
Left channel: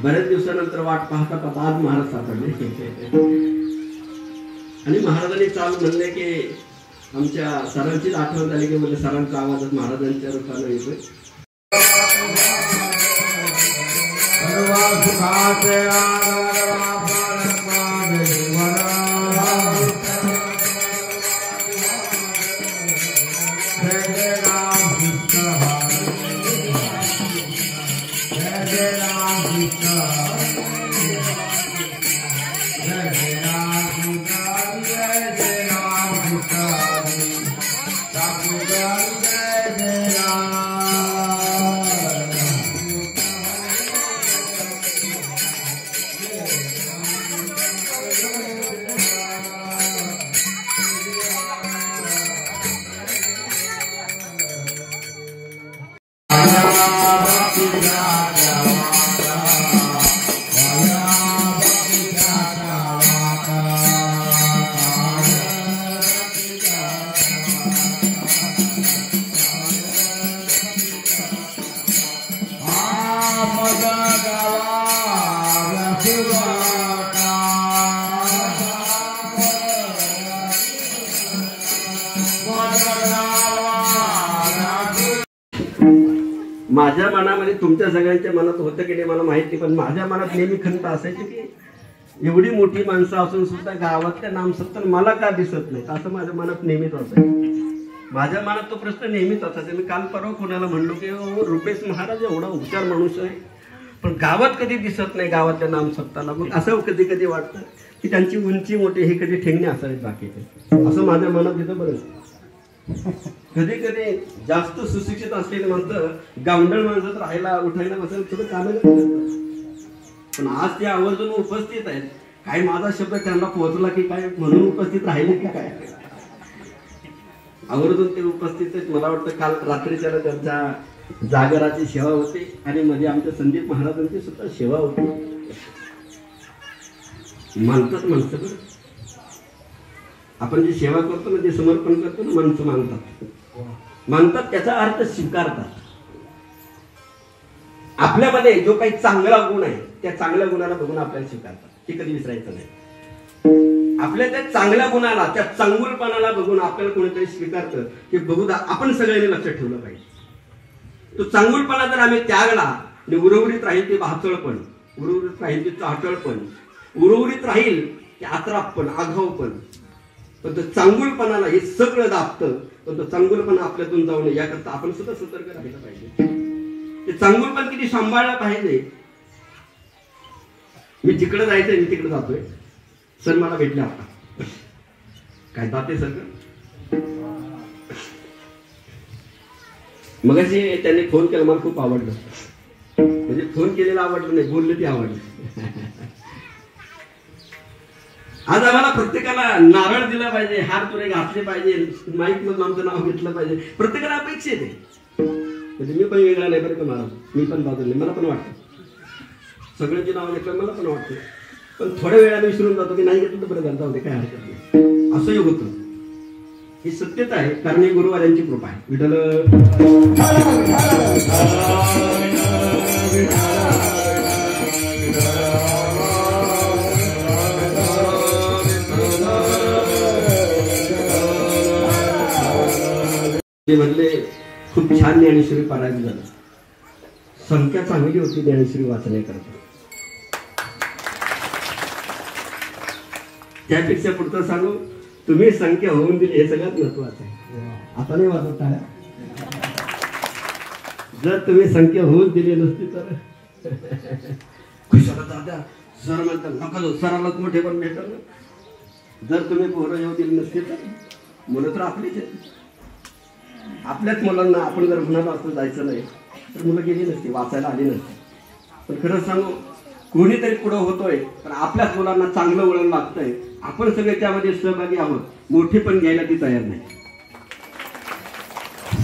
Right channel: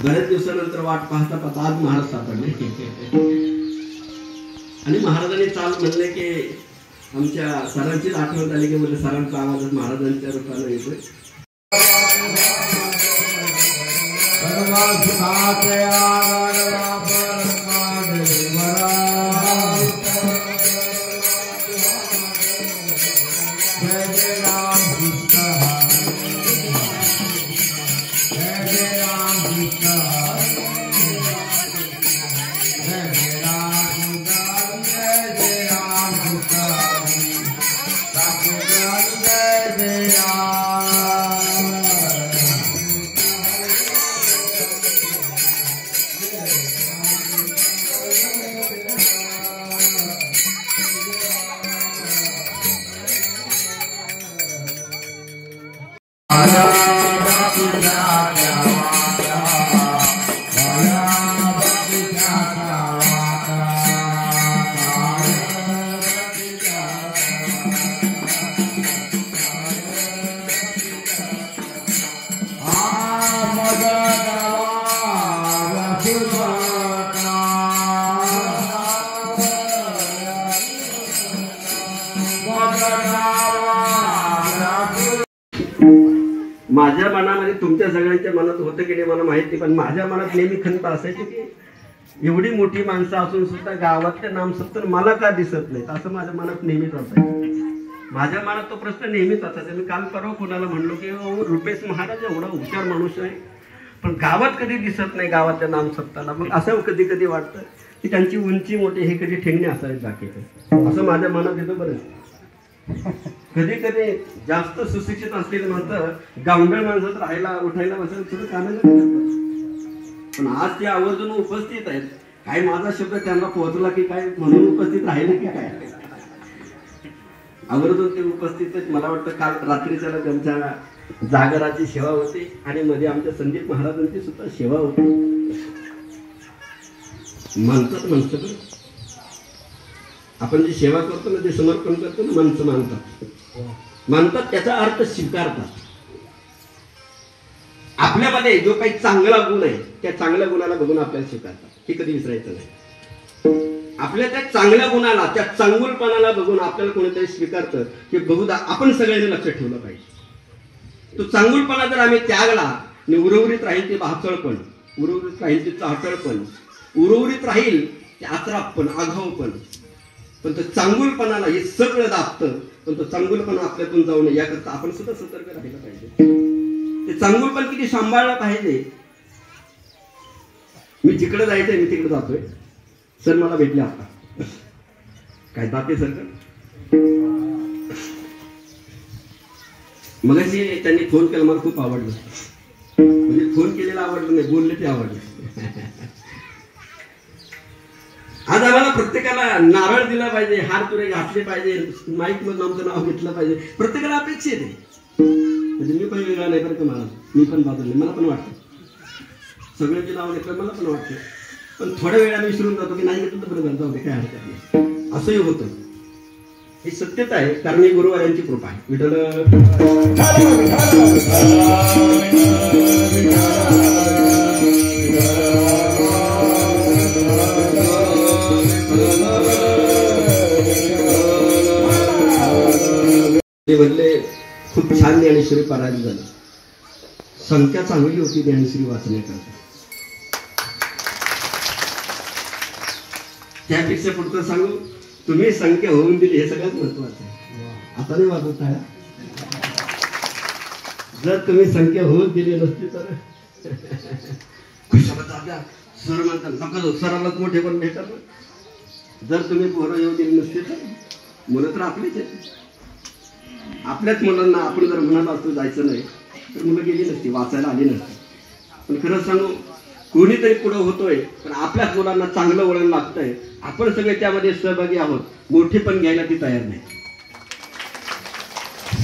बऱ्याच दिवसानंतर वाट पाहता पाहता आज महाराज सापडले. आणि महाराजांनी चाल म्हणले की आमच्या सरांचीच आठवण झाली की म्हणजे सरांचा आवाज महाराजांच्या रूपाने येतोय. माझ्या मनामध्ये तुमच्या सगळ्यांच्या मनात होतं की नाही मला माहिती, पण माझ्या मनात नेहमी खंत असायची की एवढी मोठी माणसं असून सुद्धा गावातल्या नामसत्तर मला का दिसत नाहीत, असं माझ्या मनात नेहमीच असायचं. माझ्या मनात तो प्रश्न नेहमीच असायचा. मी काल परवा कोणाला म्हणलो की रुपेश महाराज एवढा हुशार माणूस आहे, पण गावात कधी दिसत नाही गावातल्या नामसत्ताला. मग असं कधी कधी वाटतं की त्यांची उंची मोठी, हे कधी ठेंगणे असावेत बाकीचे, असं माझ्या मनात येतं. बरं कधी कधी जास्त सुशिक्षित असलेलं म्हणतं गावंढळ माणसं राहायला उठायला बसायला थोडं कामाला, पण आज ते आवर्जून उपस्थित आहेत. काय माझा शब्द त्यांना पोहोचला की काय म्हणून उपस्थित राहिले की काय, आवर्जून ते उपस्थित आहेत. मला वाटतं काल रात्रीच्याला त्यांच्या जागराची सेवा होती आणि मध्ये आमच्या संदीप महाराजांची सुद्धा सेवा होती. मानतात माणसं, आपण जी सेवा करतो ना, जे समर्पण करतो ना, माणसं मानतात त्याचा अर्थ स्वीकारतात. आपल्यामध्ये जो काही चांगला गुण आहे त्या चांगल्या गुणाला बघून आपल्याला स्वीकारतात, हे कधी विसरायचं नाही. आपल्या त्या चांगल्या गुणाला, त्या चांगुलपणाला बघून आपल्याला कोणीतरी स्वीकारतं की बहुधा आपण सगळ्यांनी लक्षात ठेवलं पाहिजे. तो चांगुलपणा जर आम्ही त्यागला आणि उर्वरित राहील ते भाचळपण, उर्वरित राहील ते चाटळपण, उर्वरित राहील ते आत्रापण, आघावपण, पण तो चांगुलपणाला हे सगळं दाबतं. पण तो चांगुलपणा आपल्यातून जाऊ नये याकरता आपण सुद्धा सतर्क राहिलं पाहिजे. ते चांगुलपण किती सांभाळलं पाहिजे. मी जिकडे जायचंय मी तिकडे जातोय, सर मला भेटले आता काय जाते सर. मग असे त्यांनी फोन केला, मला खूप आवडलं. म्हणजे फोन केलेलं आवडलं नाही, बोलले ते आवडलं. आज आम्हाला प्रत्येकाला नारळ दिला पाहिजे, हार तुरे घातले पाहिजे, माईक मधून आमचं नाव घेतलं पाहिजे, प्रत्येकाला अपेक्षित आहे. म्हणजे मी पण वेगळा नाही बरं का महाराज, मी पण बाजूला, मला पण वाटतं सगळ्यांची नाव घेतलं मला पण वाटतं, पण थोड्या वेळाने विसरून जातो की नाही घेतलं तर बरं जाऊ दे, काय हरकत नाही, असंही होतं. ही सत्यच आहे, कारण ही गुरुवारांची कृपा आहे. विठ्ठल म्हणले खूप छान ज्ञानेश्वरी पारायण झालं, संख्या चांगली होती ज्ञानेश्वरी वाचण्याकरता. त्यापेक्षा पुढचं सांगू, तुम्ही संख्या होऊन दिली हे सगळ्यात महत्वाचं आहे. आता नाही वाटत आहे, जर तुम्ही संख्या होऊन दिली नसती तर खुशाला सर म्हणतात नका सराला मोठे पण भेटल. जर तुम्ही पोरं येऊ दिली नसती तर मुलं तर आपलीच आहेत. आपल्याच मुलांना आपण जर म्हणाला असतो जायचं नाही तर मुलं गेली नसती, वाचायला आली नसती. पण खरं सांगू, कोणीतरी पुढं होतोय, पण आपल्याच मुलांना चांगलं वळण लागतंय. आपण सगळे त्यामध्ये सहभागी आहोत. मोठे पण घ्यायला ती तयार नाही.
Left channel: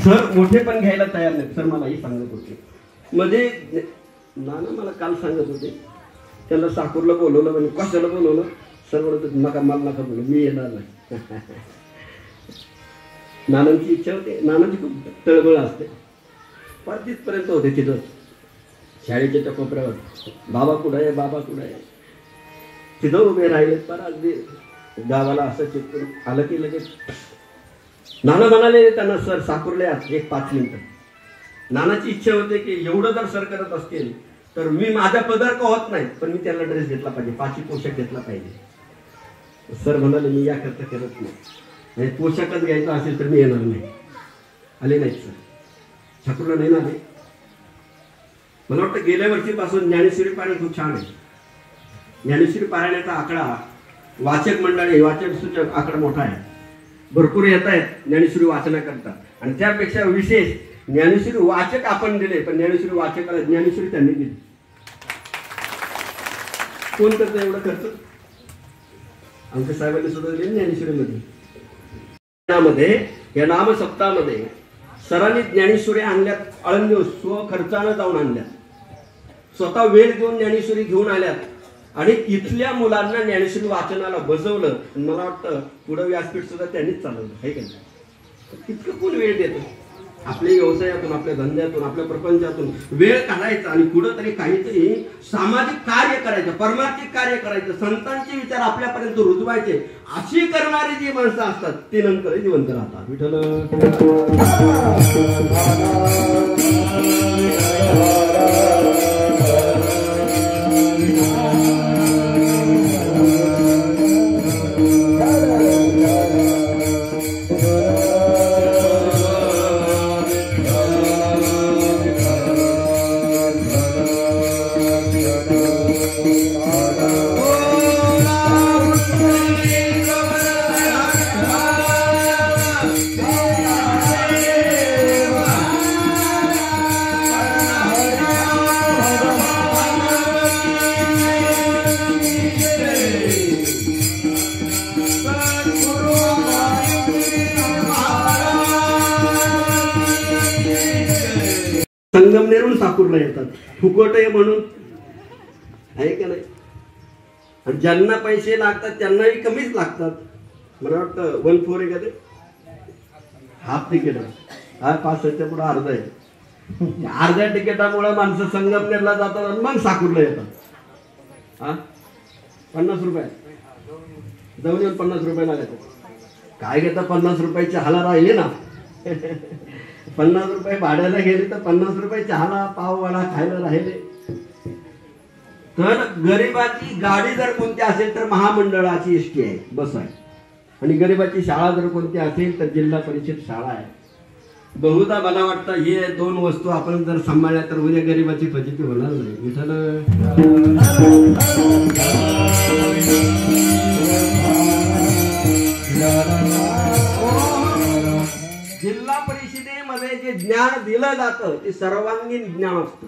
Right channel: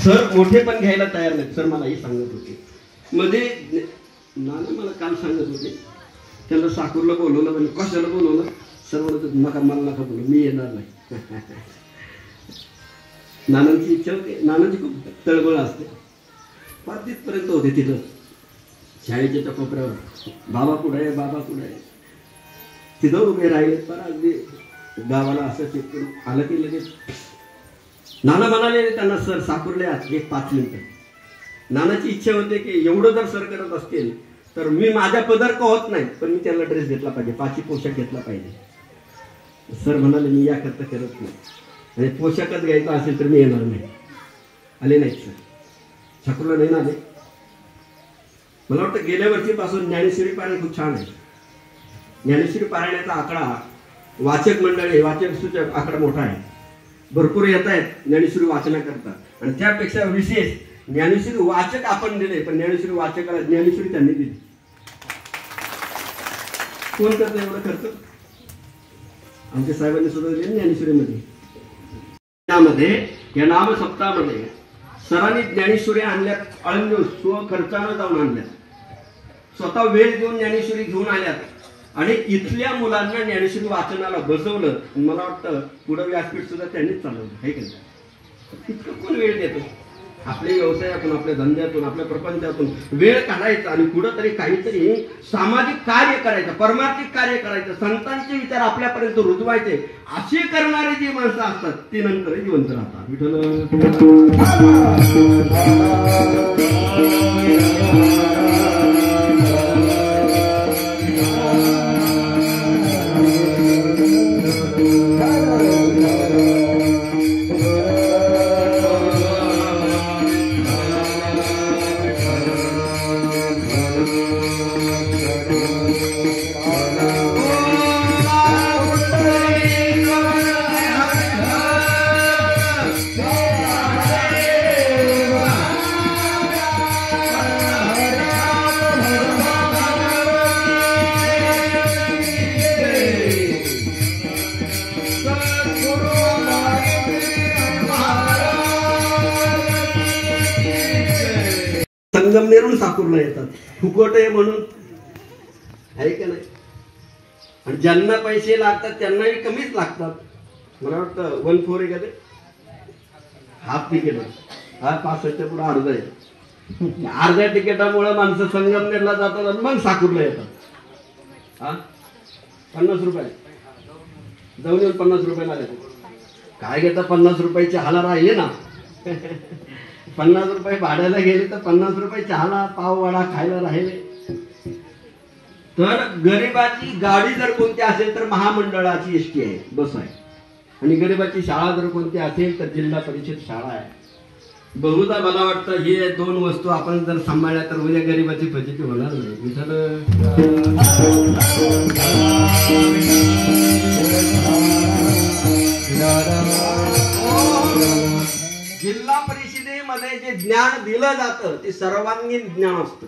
सर मोठे पण घ्यायला तयार नाही. सर मला ही सांगत होते मध्ये, नाना मला काल सांगत होते, त्यांना साकूरला बोलवलं, म्हणजे कशाला बोलवलं, सर म्हणत नका मला नका बोलू, मी येणार नाही. नानांची इच्छा होती, नानांची खूप तळमळ असते. फार तिथपर्यंत होते तिथं शाळेच्या त्या कोपऱ्यावर, बाबा कुठं आहे, बाबा कुठं आहे, तिथं उभे राहिले. तर अगदी गावाला असं चिपकून आलं की लगेच नाना म्हणाले त्यांना, सर साकुरले एक 5 मिनिटं. नानाची इच्छा होते की एवढं जर सर करत असतील तर मी माझ्या पदर का होत नाही, पण मी त्याला ड्रेस घेतला पाहिजे, 5 पोशाख घेतला पाहिजे. सर म्हणाले मी याकरता करत नाही, आणि पोशाखच घ्यायचा असेल तर मी येणार नाही. आले नाहीत सर, ठाकूरला नाही ना आले. मला वाटतं गेल्या वर्षीपासून ज्ञानेश्वरी पारायण खूप छान आहे. ज्ञानेश्वरी पारायणाचा आकडा, वाचक मंडळी, वाचक सूचक आकडा मोठा आहे. भरपूर येत आहेत ज्ञानेश्वरी वाचण्याकरता, आणि त्यापेक्षा विशेष ज्ञानेश्वरी वाचक आपण दिले, पण ज्ञानेश्वरी वाचकाला ज्ञानेश्वरी त्यांनी दिली. कोण करतं एवढं खर्च? आमच्या साहेबांनी सुद्धा दिले ज्ञानेश्वरीमध्ये. या नाम सप्ताहामध्ये सरांनी ज्ञानेश्वरी आणल्यात, अळंद स्वखर्चानं जाऊन आणल्यात, स्वतः वेळ देऊन ज्ञानेश्वरी घेऊन आल्यात, आणि इथल्या मुलांना ज्ञानेश्वरी वाचनाला बसवलं. मला वाटतं पुढं व्यासपीठ सुद्धा त्यांनीच चालवलं आहे का नाही? इतकं कोण वेळ देतं? आपल्या व्यवसायातून, आपल्या धंद्यातून, आपल्या प्रपंचातून वेळ काढायचा आणि कुठंतरी काहीतरी सामाजिक कार्य करायचं, परमार्थिक कार्य करायचं, संतांचे विचार आपल्यापर्यंत रुजवायचे. अशी करणारी जी माणसं असतात ती नंतर जिवंत राहतात. विठ्ठल संगमनेरून साकूरला येतात, फुकोटे म्हणून आहे का नाही. आणि ज्यांना पैसे लागतात त्यांनाही कमीच लागतात. मला वाटतं 1-4 आहे का ते, हाफ तिकीट आहे. हा 5 पुढे अर्ध आहे. अर्ध्या तिकिटामुळे माणसं संगमनेरला जातात आणि मग साकूरला येतात. हा 50 रुपये जाऊन येऊन 50 रुपये लागतात. काय घेता 50 रुपये चहाला राहिले ना. 50 रुपये भाड्याला गेले तर 50 रुपये चहाला पाव वडा खायला राहिले. तर गरिबाची गाडी जर कोणती असेल तर महामंडळाची एसटी आहे, बस आहे. आणि गरिबाची शाळा जर कोणती असेल तर जिल्हा परिषद शाळा आहे. बहुधा मला वाटतं हे 2 वस्तू आपण जर सांभाळल्या तर उद्या गरिबाची फजिती होणार नाही. जिल्हा परिषदेमध्ये जे ज्ञान दिलं जातं ते सर्वांगीण ज्ञान असतं.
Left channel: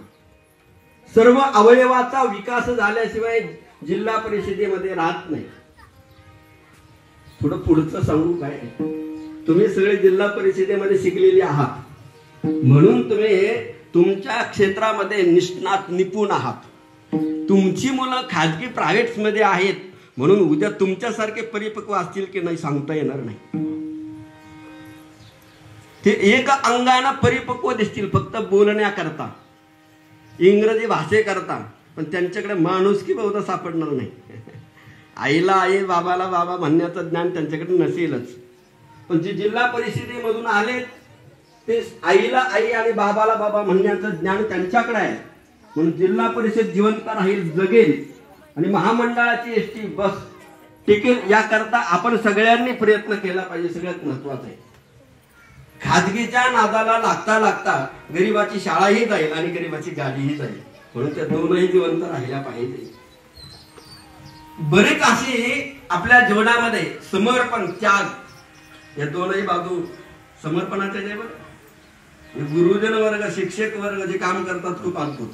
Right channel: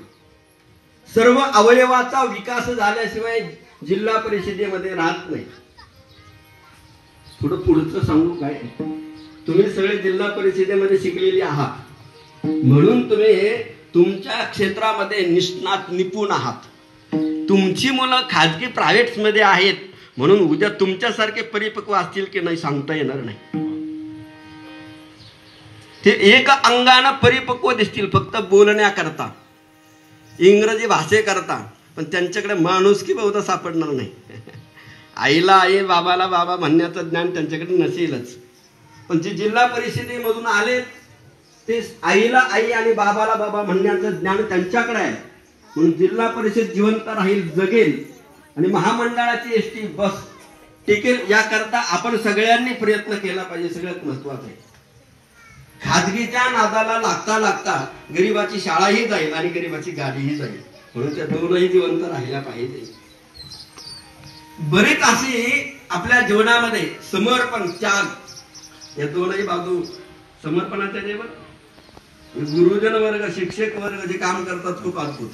सर्व अवयवाचा विकास झाल्याशिवाय जिल्हा परिषदेमध्ये राहत नाही. पुढचं सांगू काय, तुम्ही सगळे जिल्हा परिषदेमध्ये शिकलेले आहात म्हणून तुम्ही तुमच्या क्षेत्रामध्ये निष्णात निपुण आहात. तुमची मुलं खाजगी प्रायव्हेट्स मध्ये आहेत म्हणून उद्या तुमच्यासारखे परिपक्व असतील की नाही सांगता येणार नाही. ते एक अंगाने परिपक्व दिसतील फक्त बोलण्याकरता, इंग्रजी भाषेकरता, पण त्यांच्याकडे माणुसकी बहुधा सापडणार नाही. आईला आई बाबाला बाबा म्हणण्याचं ज्ञान त्यांच्याकडे नसेलच. पण जे जिल्हा परिषदेमधून आले ते आईला आई आणि बाबाला बाबा म्हणण्याचं ज्ञान त्यांच्याकडे आहे. म्हणून जिल्हा परिषद जिवंत राहील, जगेल आणि महामंडळाची एसटी बस टिकेल याकरता आपण सगळ्यांनी प्रयत्न केला पाहिजे. सगळ्यात महत्वाचं आहे. खाजगीच्या नादाला लागता लागता गरिबाची शाळाही जाईल आणि गरिबाची गाडीही जाईल. म्हणून त्या दोनही जिवंत राहिल्या पाहिजे. बरेच असे आपल्या जीवनामध्ये समर्पण, त्याग या दोनही बाजू समर्पणाचे जेवण. गुरुजन वर्ग, शिक्षक वर्ग जे काम करतात खूप अद्भुत.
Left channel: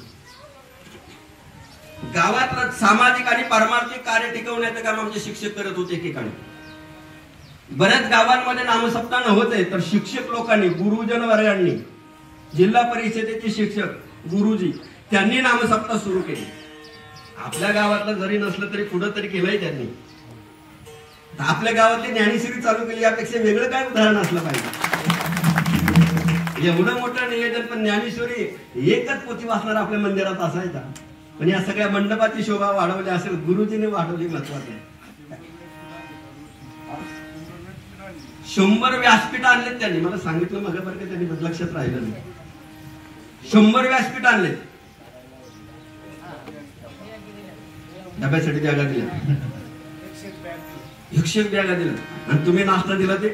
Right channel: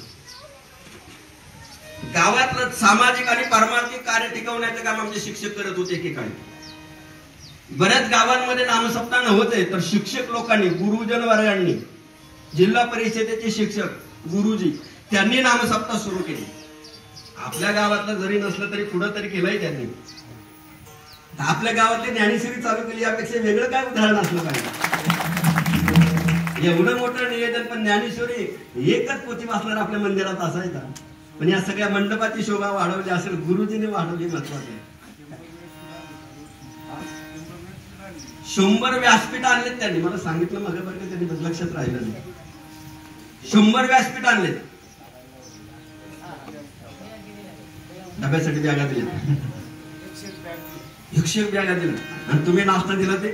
गावातलं सामाजिक आणि पारमार्थिक कार्य टिकवण्याचं काम आमचे शिक्षक करत होते एकेकाळी. बऱ्याच गावांमध्ये नामसप्ताह नव्हते तर शिक्षक लोकांनी, गुरुजन वर्गांनी, जिल्हा परिषदेचे शिक्षक गुरुजी त्यांनी नामसप्ताह सुरू केले. आपल्या गावातलं जरी नसलं तरी पुढं तरी केलंय त्यांनी. आपल्या गावातली ज्ञानेश्वरी चालू केली यापेक्षा वेगळं काय उदाहरण असलं पाहिजे. एवढं मोठं नियोजन, पण ज्ञानेश्वरी एकच पोथी वाचणार आपल्या मंदिरात असायचा. पण या सगळ्या मंडपाची शोभा वाढवली असेल गुरुजीने वाढवली. महत्वाचे 100 व्यासपीठ आणलेत त्यांनी. मला सांगितलं मग बरं त्यांनी लक्षात राहिलं नाही. 100 व्यासपीठ आणलेत. डब्यासाठी बॅगा दिल्या, 100 बॅगा दिल्या आणि तुम्ही नाश्ता दिला. ते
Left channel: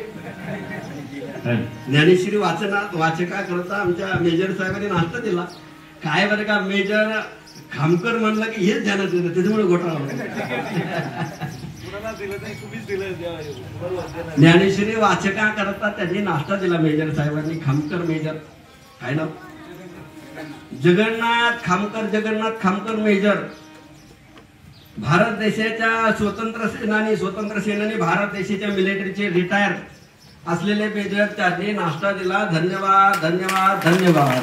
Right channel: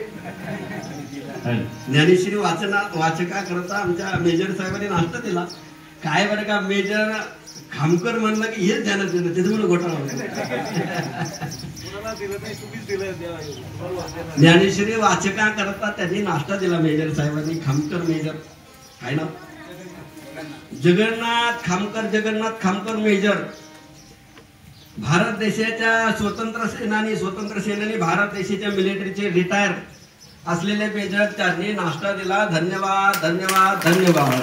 ज्ञानेश्वरी वाचका करता आमच्या मेजर साहेबांनी नाश्ता दिला. काय बरं का, मेजर खामकर म्हणलं की हेच ध्यानात येतं, त्याच्यामुळे घोटाळा होता. ज्ञानेश्वरी वाचका करता त्यांनी नाश्ता दिला मेजर साहेबांनी. खामकर मेजर काय नाव, जगन्नाथ खामकर मेजर. भारत देशाच्या स्वतंत्र सेनानी भारत देशाच्या मिलिटरीचे रिटायर असलेले मेजर त्यांनी नाश्ता दिला. धन्यवाद धन्यवाद धन्यवाद.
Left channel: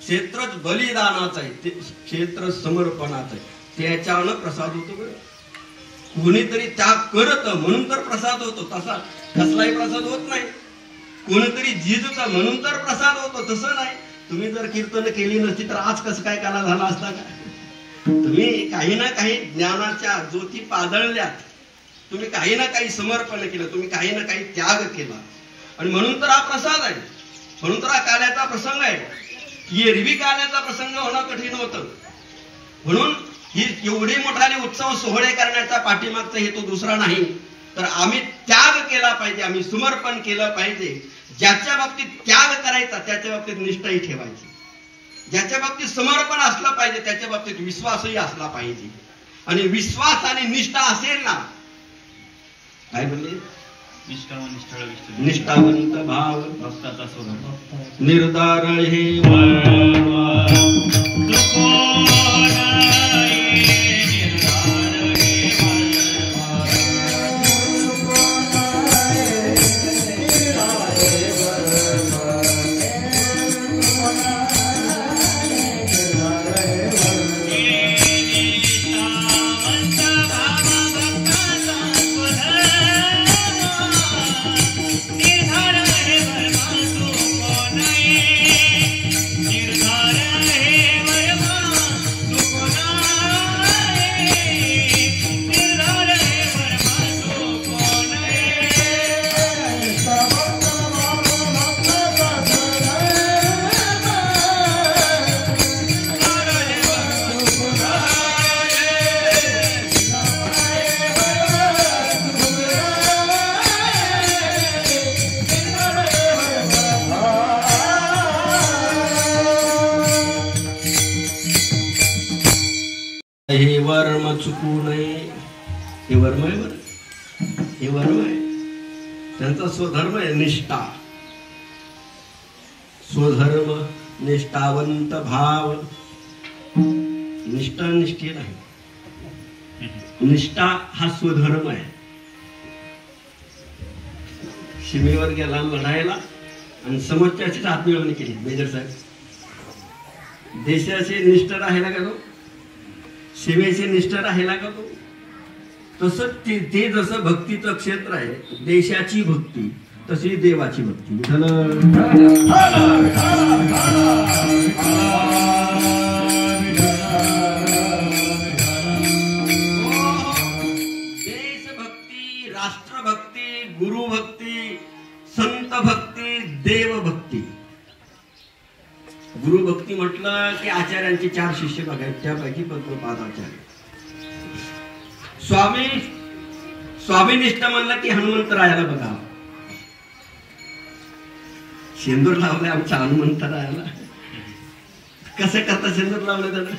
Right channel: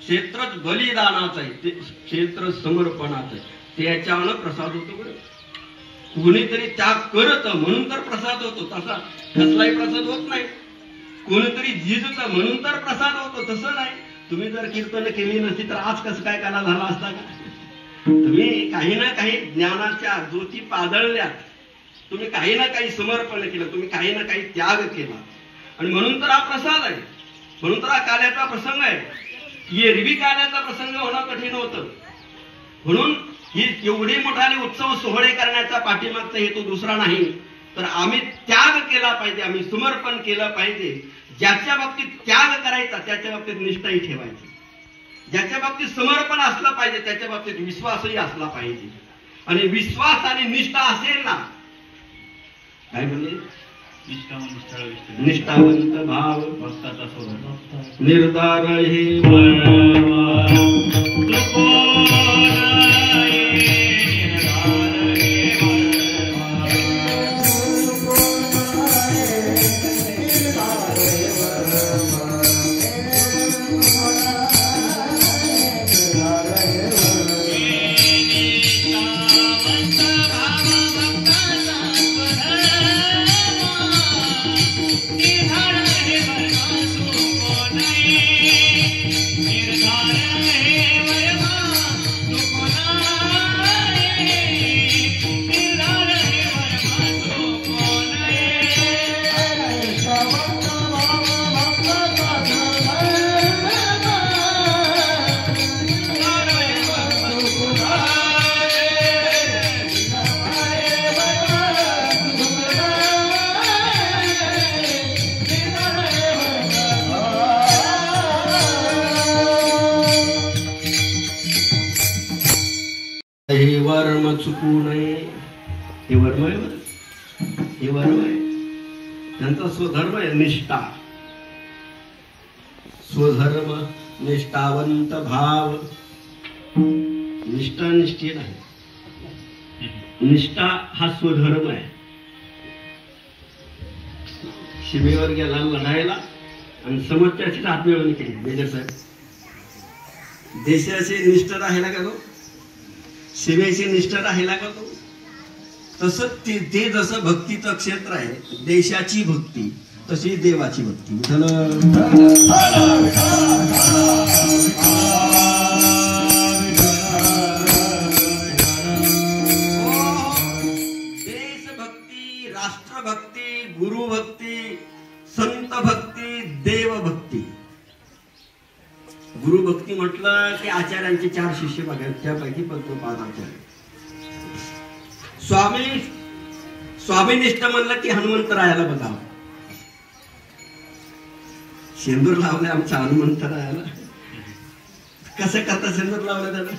क्षेत्रच बलिदानाचं आहे, ते क्षेत्र समर्पणाचं आहे. त्याच्यानं प्रसाद होतो. कोणीतरी त्याग करत म्हणून तर प्रसाद होतो. तसा कसलाही प्रसाद होत नाही. कोणीतरी जिजत म्हणून तर प्रसाद होतो, तसं नाही. तुम्ही जर कीर्तन केली नसती तर आज कसं काय काला झाला असता का. तुम्ही काही ना काही ज्ञानाच्या ज्योती पादळल्यात, तुम्ही काही ना काही समर्पण केलं, तुम्ही काही ना काही त्याग केला आणि म्हणून तर हा प्रसाद आहे, म्हणून तर हा कार्याचा प्रसंग आहे. एरवी कालाचा प्रसंग होणं कठीण होतं. म्हणून ही एवढे मोठाले उत्सव सोहळे करण्याचा पाठीमागचा हेतू दुसरा नाही, तर आम्ही त्याग केला पाहिजे, आम्ही समर्पण केलं पाहिजे. ज्याच्या बाबतीत त्याग करायचा त्याच्या बाबतीत निष्ठाही ठेवायची. ज्याच्या बाबतीत समर्पण असलं पाहिजे त्याच्या बाबतीत विश्वासही असला पाहिजे. आणि विश्वास आणि निष्ठा असेल ना, काय म्हणले, निष्ठावंत भाव निर्धार हे हे वर्म चुकू नये. हे वर्म आहे बरं, हे वर्म आहे. त्यांचा स्वधर्म आहे निष्ठा. स्वधर्म निष्ठावंत भाव. निष्ठा निष्ठे नाही, निष्ठा हा स्वधर्म आहे. सीमेवर गेला लढायला आणि समोरच्याची हातमिळवणी केली. मेजर साहेब, देशाचे निष्ठ राहिला का तो, सीमेची निष्ठा राहिला का तो. तसं ते जसं भक्तीचं क्षेत्र आहे, देशाची भक्ती तशी देवाची भक्ती. देशभक्ती, राष्ट्रभक्ती, गुरुभक्ती, संत भक्ती, देवभक्ती. गुरुभक्ती म्हटलं की आचार्यांचे 4 शिष्य बघायचे, त्यापैकी पद्मपाद आचार्य. स्वामीनिष्ठ म्हणलं की हनुमंतरायाला बघा. शेंदूर लावले आमच्या हनुमंतरायाला. कसं करता शेंदूर लावलं त्याला?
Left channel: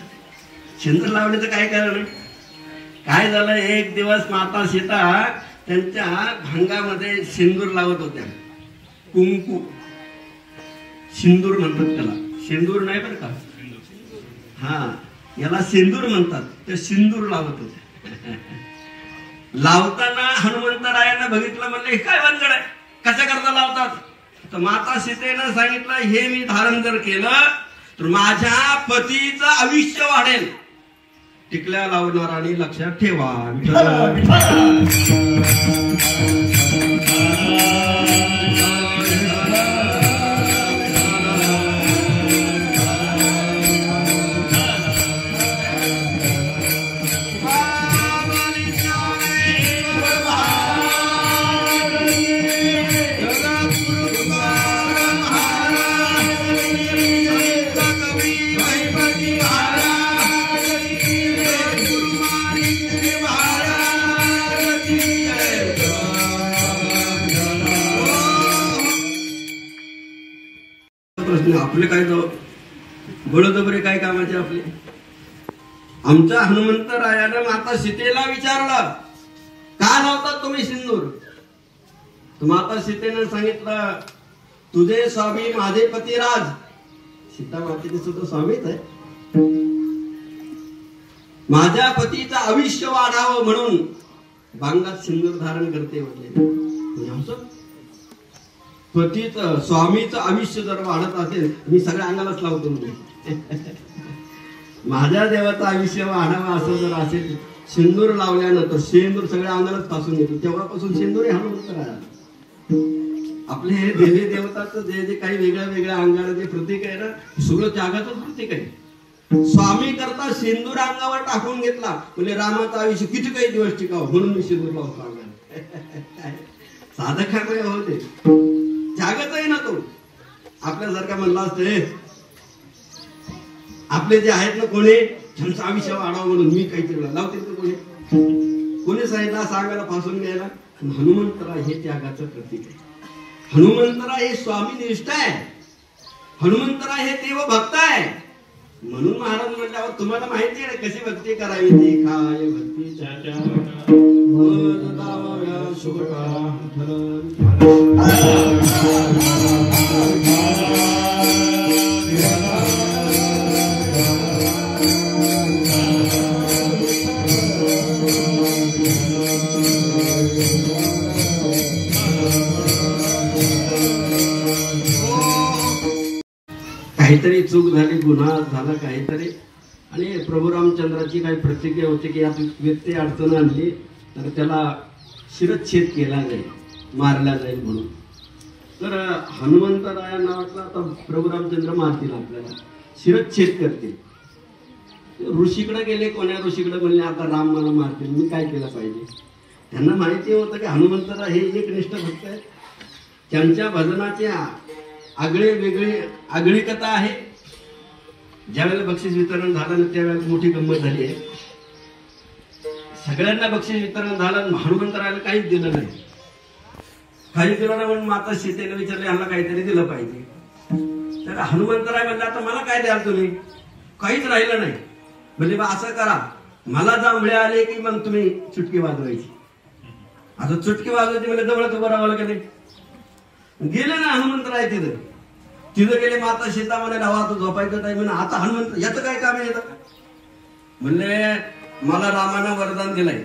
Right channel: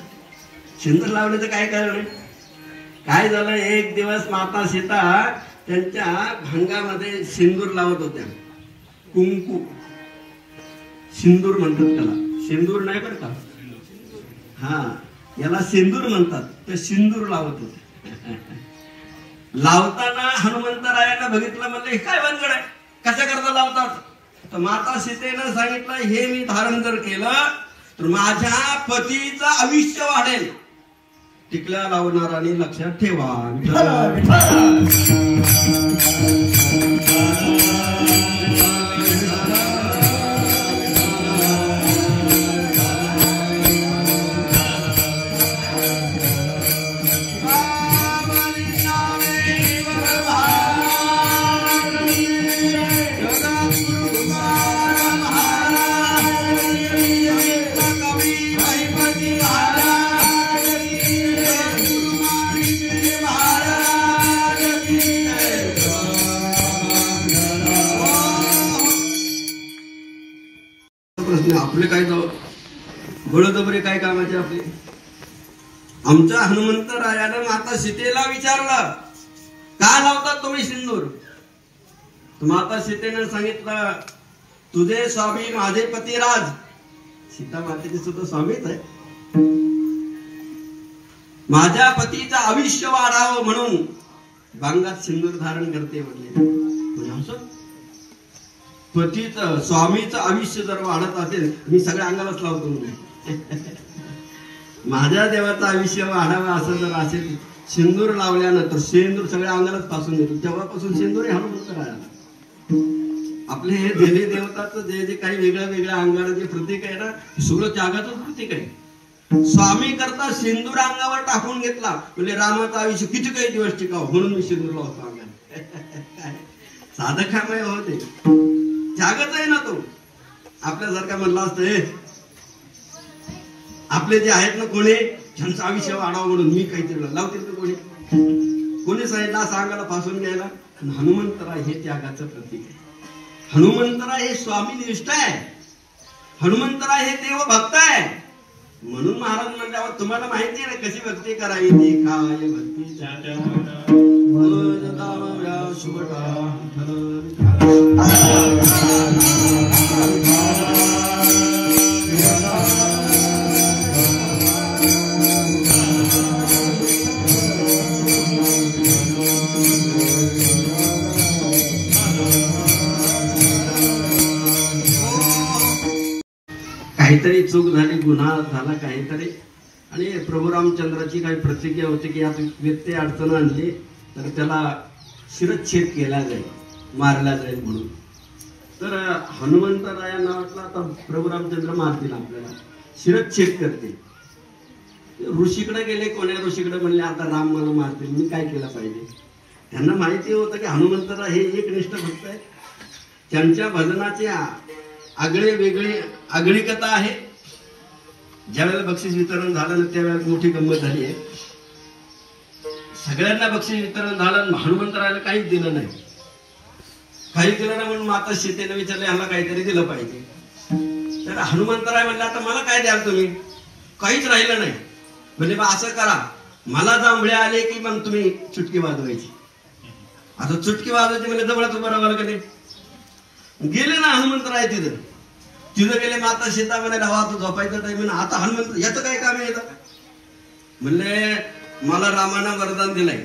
शेंदूर लावण्याचं काय कारण? काय झालं, एक दिवस माता सीता त्यांच्या भांगामध्ये सिंदूर लावत होत्या. कुंकू, सिंदूर म्हणतात त्याला, सिंदूर नाही बरं का, हा याला सिंदूर म्हणतात. ते सिंदूर लावत होते. लावताना हनुमंतरायांना बघितलं, म्हणलं हे काय भानगड आहे, कसं करता लावतात? तर माता सीतेनं सांगितलं, हे मी धारण जर केलं तर माझ्या पतीचं आयुष्य वाढेल. टिकल्या लावणार आणि लक्षात ठेवा. आपले काय बळजबरी काय कामाचे आपले? आमच्या हनुमंतरायानं माता सीतेला विचारलं, का लावतात तुम्ही सिंदूर? तर माता सीतेनं सांगितलं, तुझे स्वामी माझे पतिराज. सीता मातेचे सुद्धा स्वामीच आहे. माझ्या पतीचं आयुष्य वाढावं म्हणून भांगात सिंदूर धारण करते म्हणले. पतीचं स्वामीचं आयुष्य जर वाढत असेल, मी सगळ्या अंगालाच लावतो म्हणजे. माझ्या देवाचं आयुष्य वाढावं असं जर असेल, सिंदूर लावल्यानंतर सिंदूर सगळ्या अंगालाच पासून येतो. तेव्हापासून सिंदूर हे हनुमंतरायाला. आपले हे देवी देवताचं जे काही वेगळ्या वेगळ्या अंगाला जे प्रतीक आहे ना, सगळं त्यागाचंच प्रतीक आहे. स्वामी करता सिंदूर अंगावर टाकून घेतला म्हणजे रामाचं आयुष्य किती काही दिवस टिकावं म्हणून मी सिंदूर लावतो अंगाला. साधकामय होते, त्यागच आहे ना तो. आपल्यासारखा म्हणला असतं, आपले जे आहेत ना कोणी त्यांचं आयुष्य वाढावं म्हणून मी काहीतरी लावते तर कोणी सांगितलं सांगायला फासून घ्यायला. हनुमंतराय हे त्यागाचं प्रतीक आहे. हनुमंतराय हे स्वामीनिष्ठ आहे. हनुमंतराय हे देव भक्त आहे. म्हणून महाराज म्हणल्यावर तुम्हाला माहिती आहे ना कशी भक्ती करावी ती काय भक्ती काहीतरी चूक झाली, गुन्हा झाला काहीतरी, आणि प्रभू रामचंद्राची काही प्रतिज्ञा होती की यात व्यक्ती अडचण आणली तर त्याला शिरच्छेद केला जाईल, मारला जाईल म्हणून. तर हनुमंतरायांना वाटलं आता प्रभू रामचंद्र मारतील आपल्याला, शिरच्छेद करतील. ऋषीकडे गेले, कोण्या ऋषीकडे म्हणले आता राम मला मारतील, मी काय केलं पाहिजे. त्यांना माहिती होतं की हनुमंतराय हे एकनिष्ठ भक्त आहेत. त्यांच्या भजनाच्या आगळे वेगळी आगळी कथा आहे. ज्यावेळेला बक्षीस वितरण झालं ना त्यावेळेला मोठी गंमत झाली आहे. सगळ्यांना बक्षीस वितरण झालं, हनुमंतरायला काहीच दिलं नाही. काहीच दिलं नाही म्हणून माता सीतेने विचारले ह्याला काहीतरी दिलं पाहिजे. तर हनुमंतराय म्हणलं आता मला काय द्याल तुम्ही, काहीच राहिलं नाही. म्हणजे बा असं करा, मला जांभळे आले की मग तुम्ही चुटकी वाजवायची. आता चुटकी वाजवायची म्हणजे जवळच उभं राहावं लागेल. गेले ना हनुमंतराय तिथं गेले. माता सीता म्हणे लावा तो झोपायचा टाइम आहे. आता हनुमंत याचं काय काम आहे म्हणले मला रामानं वरदान दिलंय,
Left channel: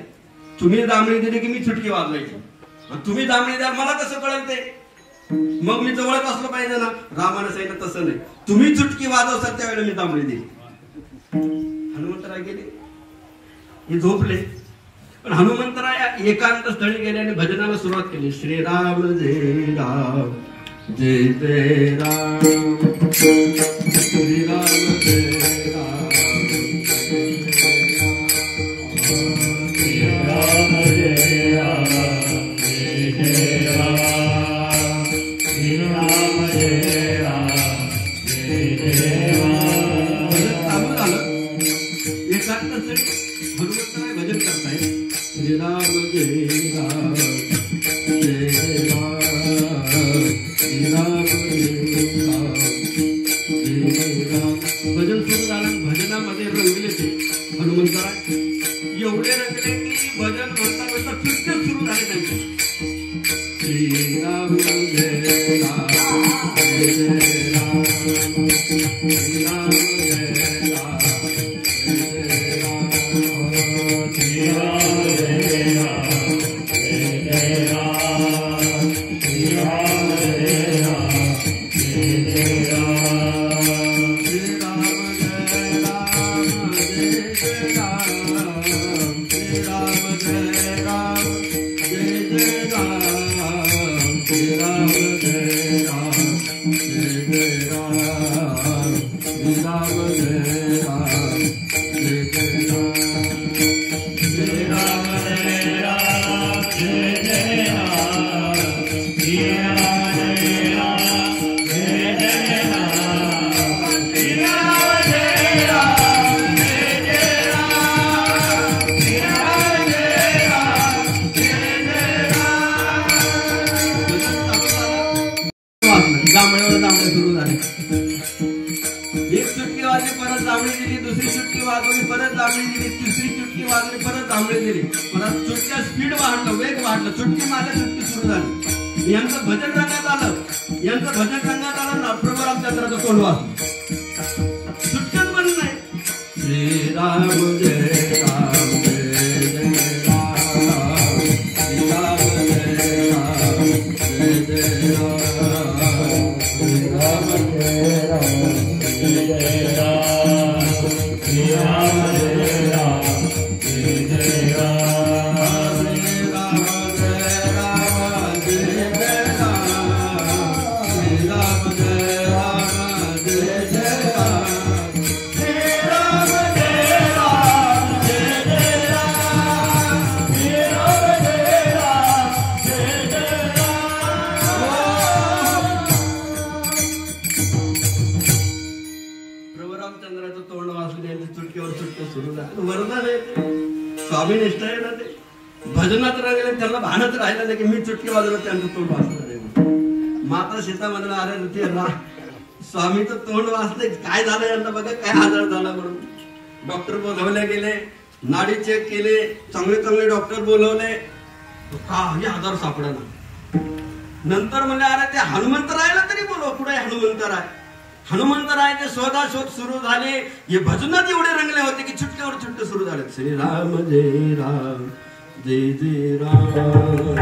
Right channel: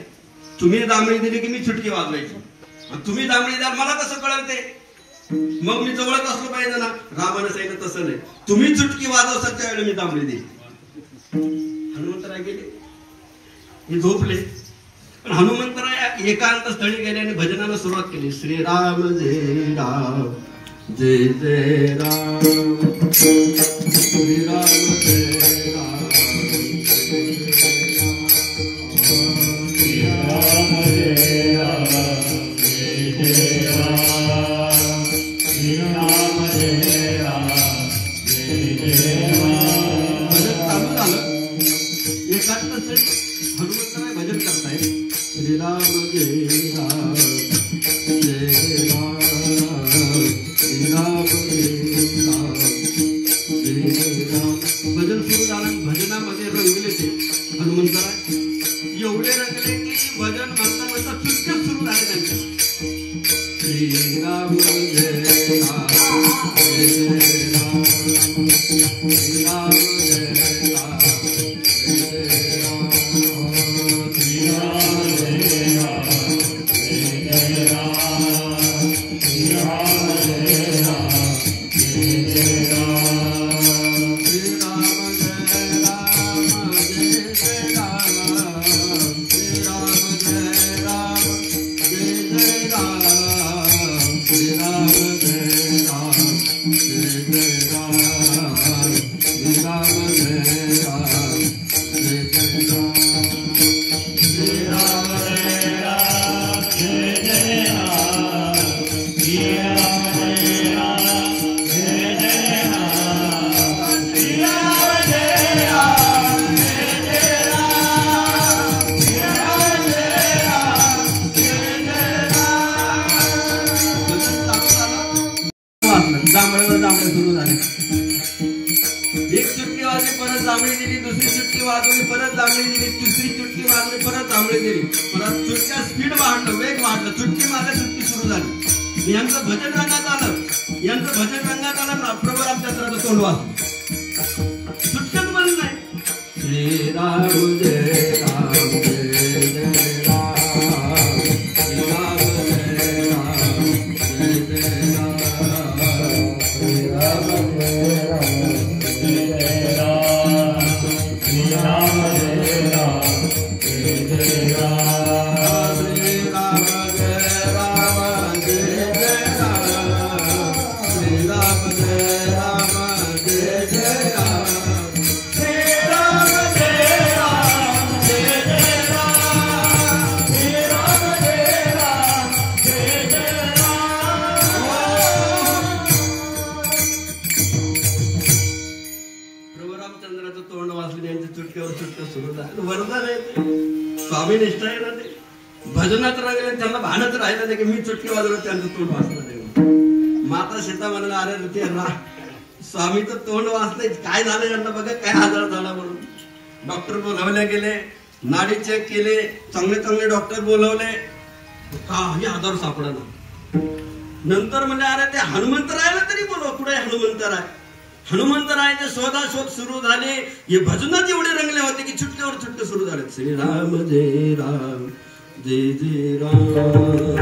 तुम्ही दामणी दिली की मी चुटकी वाजवायची. तुम्ही दामणी द्या मला कसं कळलं ते, मग मी जवळच असलं पाहिजे ना. रामानं सांगितलं तसं नाही, तुम्ही चुटकी वाजवसाल त्यावेळेला मी दामणी दिली. हनुमंतराय गेले, हे झोपले. पण हनुमंतराय एकांत स्थळी गेले आणि भजनाला सुरुवात केली. श्रीराम जय राम जय जय राम, श्रीराम जय राम श्रीराम जय राम जय जय राम, श्रीराम जय राम जय जय राम. भजन चालू झालं. एकांत स्थळी हनुमंतराय भजन करताय. श्रीराम जय राम जय जय राम, श्रीराम जय राम जय जय राम. भजन सुरू झालं. भजनामध्ये रंगले ते हनुमंतराय एवढे रंगले की भजन म्हणता म्हणता चुटक्या सुरू झाले त्यांच्या. श्रीराम जय राम जय जय राम, श्रीराम जय राम जय जय राम, श्रीराम जय राम जय जय राम, श्रीराम जय राम जय जय राम, श्रीराम जय राम जय जय राम, श्रीराम जय राम जय जय राम, श्रीराम जय राम जय जय राम, श्रीराम जय राम जय जय जांभळे सुरू झाले. एक चुटकी वाजली, परत जांभळी दिली. दुसरी चुटकी वाजवली, परत जांभळी दिली. तिसरी चुटकी वाजवली, परत जांभळी दिली. परत चुटक्या स्पीड वाढलं, वेग वाढलं. चुटकी मारल्या, चुटकी सुरू झाली. यांचं भजन रंगात आलं. यांचं भजन रंगात आलं. प्रभू रामचंद्राचं तोंड वाजलं. चुटकत म्हणून नाही. श्रीराम जय राम जय जय राम, श्रीराम जय राम जय जय राम, श्रीराम जय राम जय जय राम, श्रीराम जय राम जय जय राम, श्रीराम जय राम जय जय राम, श्रीराम जय राम जय जय राम, श्रीराम जय राम स्वामी निष्ठा आहे ना ते. भजनात रंगले त्यांना भानच राहिलं नाही की मी चुटकी वाजवत त्यांचं तोंड वाचलं नाही. माता सीता म्हणला अरे ते स्वामीचं तोंड वाचलंय, काय झालं यांना बघा, काय आजार झाला म्हणून. डॉक्टर बोलावले गेले, नाडी चेक केले, चांगले चांगले डॉक्टर बोलवले, काही आजार सापडला. नंतर म्हणले अरे ते हनुमंतरायला तरी बोलव, कुठे हनुमंतराय. हनुमंतरायचे शोधाशोध सुरू झाले. हे भजनात एवढे रंगले होते की छुटक्यावर छुटके सुरू झाले. श्रीराम जय राम जय जय राम,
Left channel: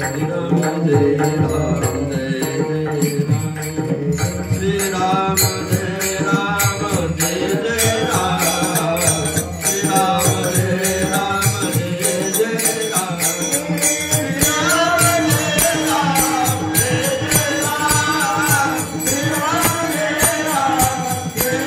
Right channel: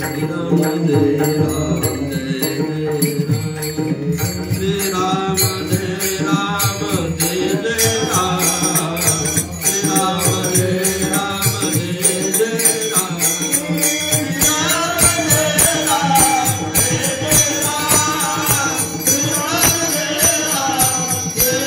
श्रीराम जय राम जय जय राम, श्रीराम जय राम जय जय राम, श्रीराम जय राम जय जय राम, श्रीराम जय राम जय जय राम, श्रीराम जय राम जय जय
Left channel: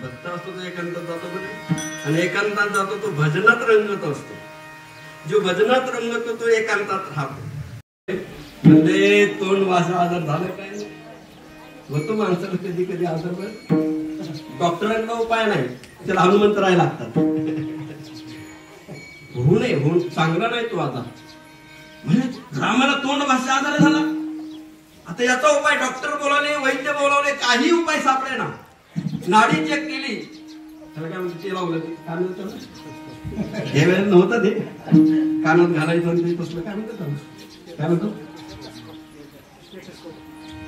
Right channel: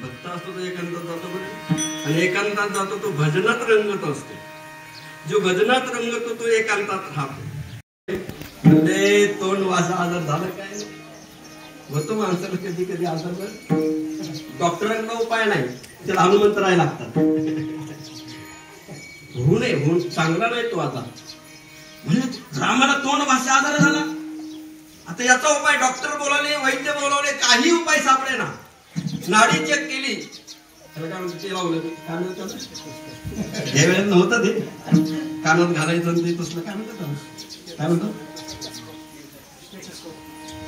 भक्त असतो तो एकांतात जातो बरे, आणि एकांतात जातो तो भजनात रंगत असतो. जो भजनात रंगतो तो एकांतात राहतो. म्हणजे तोंड वासा आजार झालं काय होतो माणसाला कधी कधी आजार. बरं डॉक्टरांना उपाय नाही, त्याला हनुमंतराय लागतात. होऊ नये, होऊन चांगला नाही तो आता. म्हणजे रामाला तोंड भाषा आजार झाला. आता याचा उपाय डॉक्टर बोलवले, वैद्य बोलवले, काही उपाय सापडे ना. नाडी चेक केली, त्याला काय म्हणतो ते लावलं, काय म्हणतो हे वेळेला नव्हतं ते कानात घालायचं ते तसलं, काय म्हणतो काय म्हणतो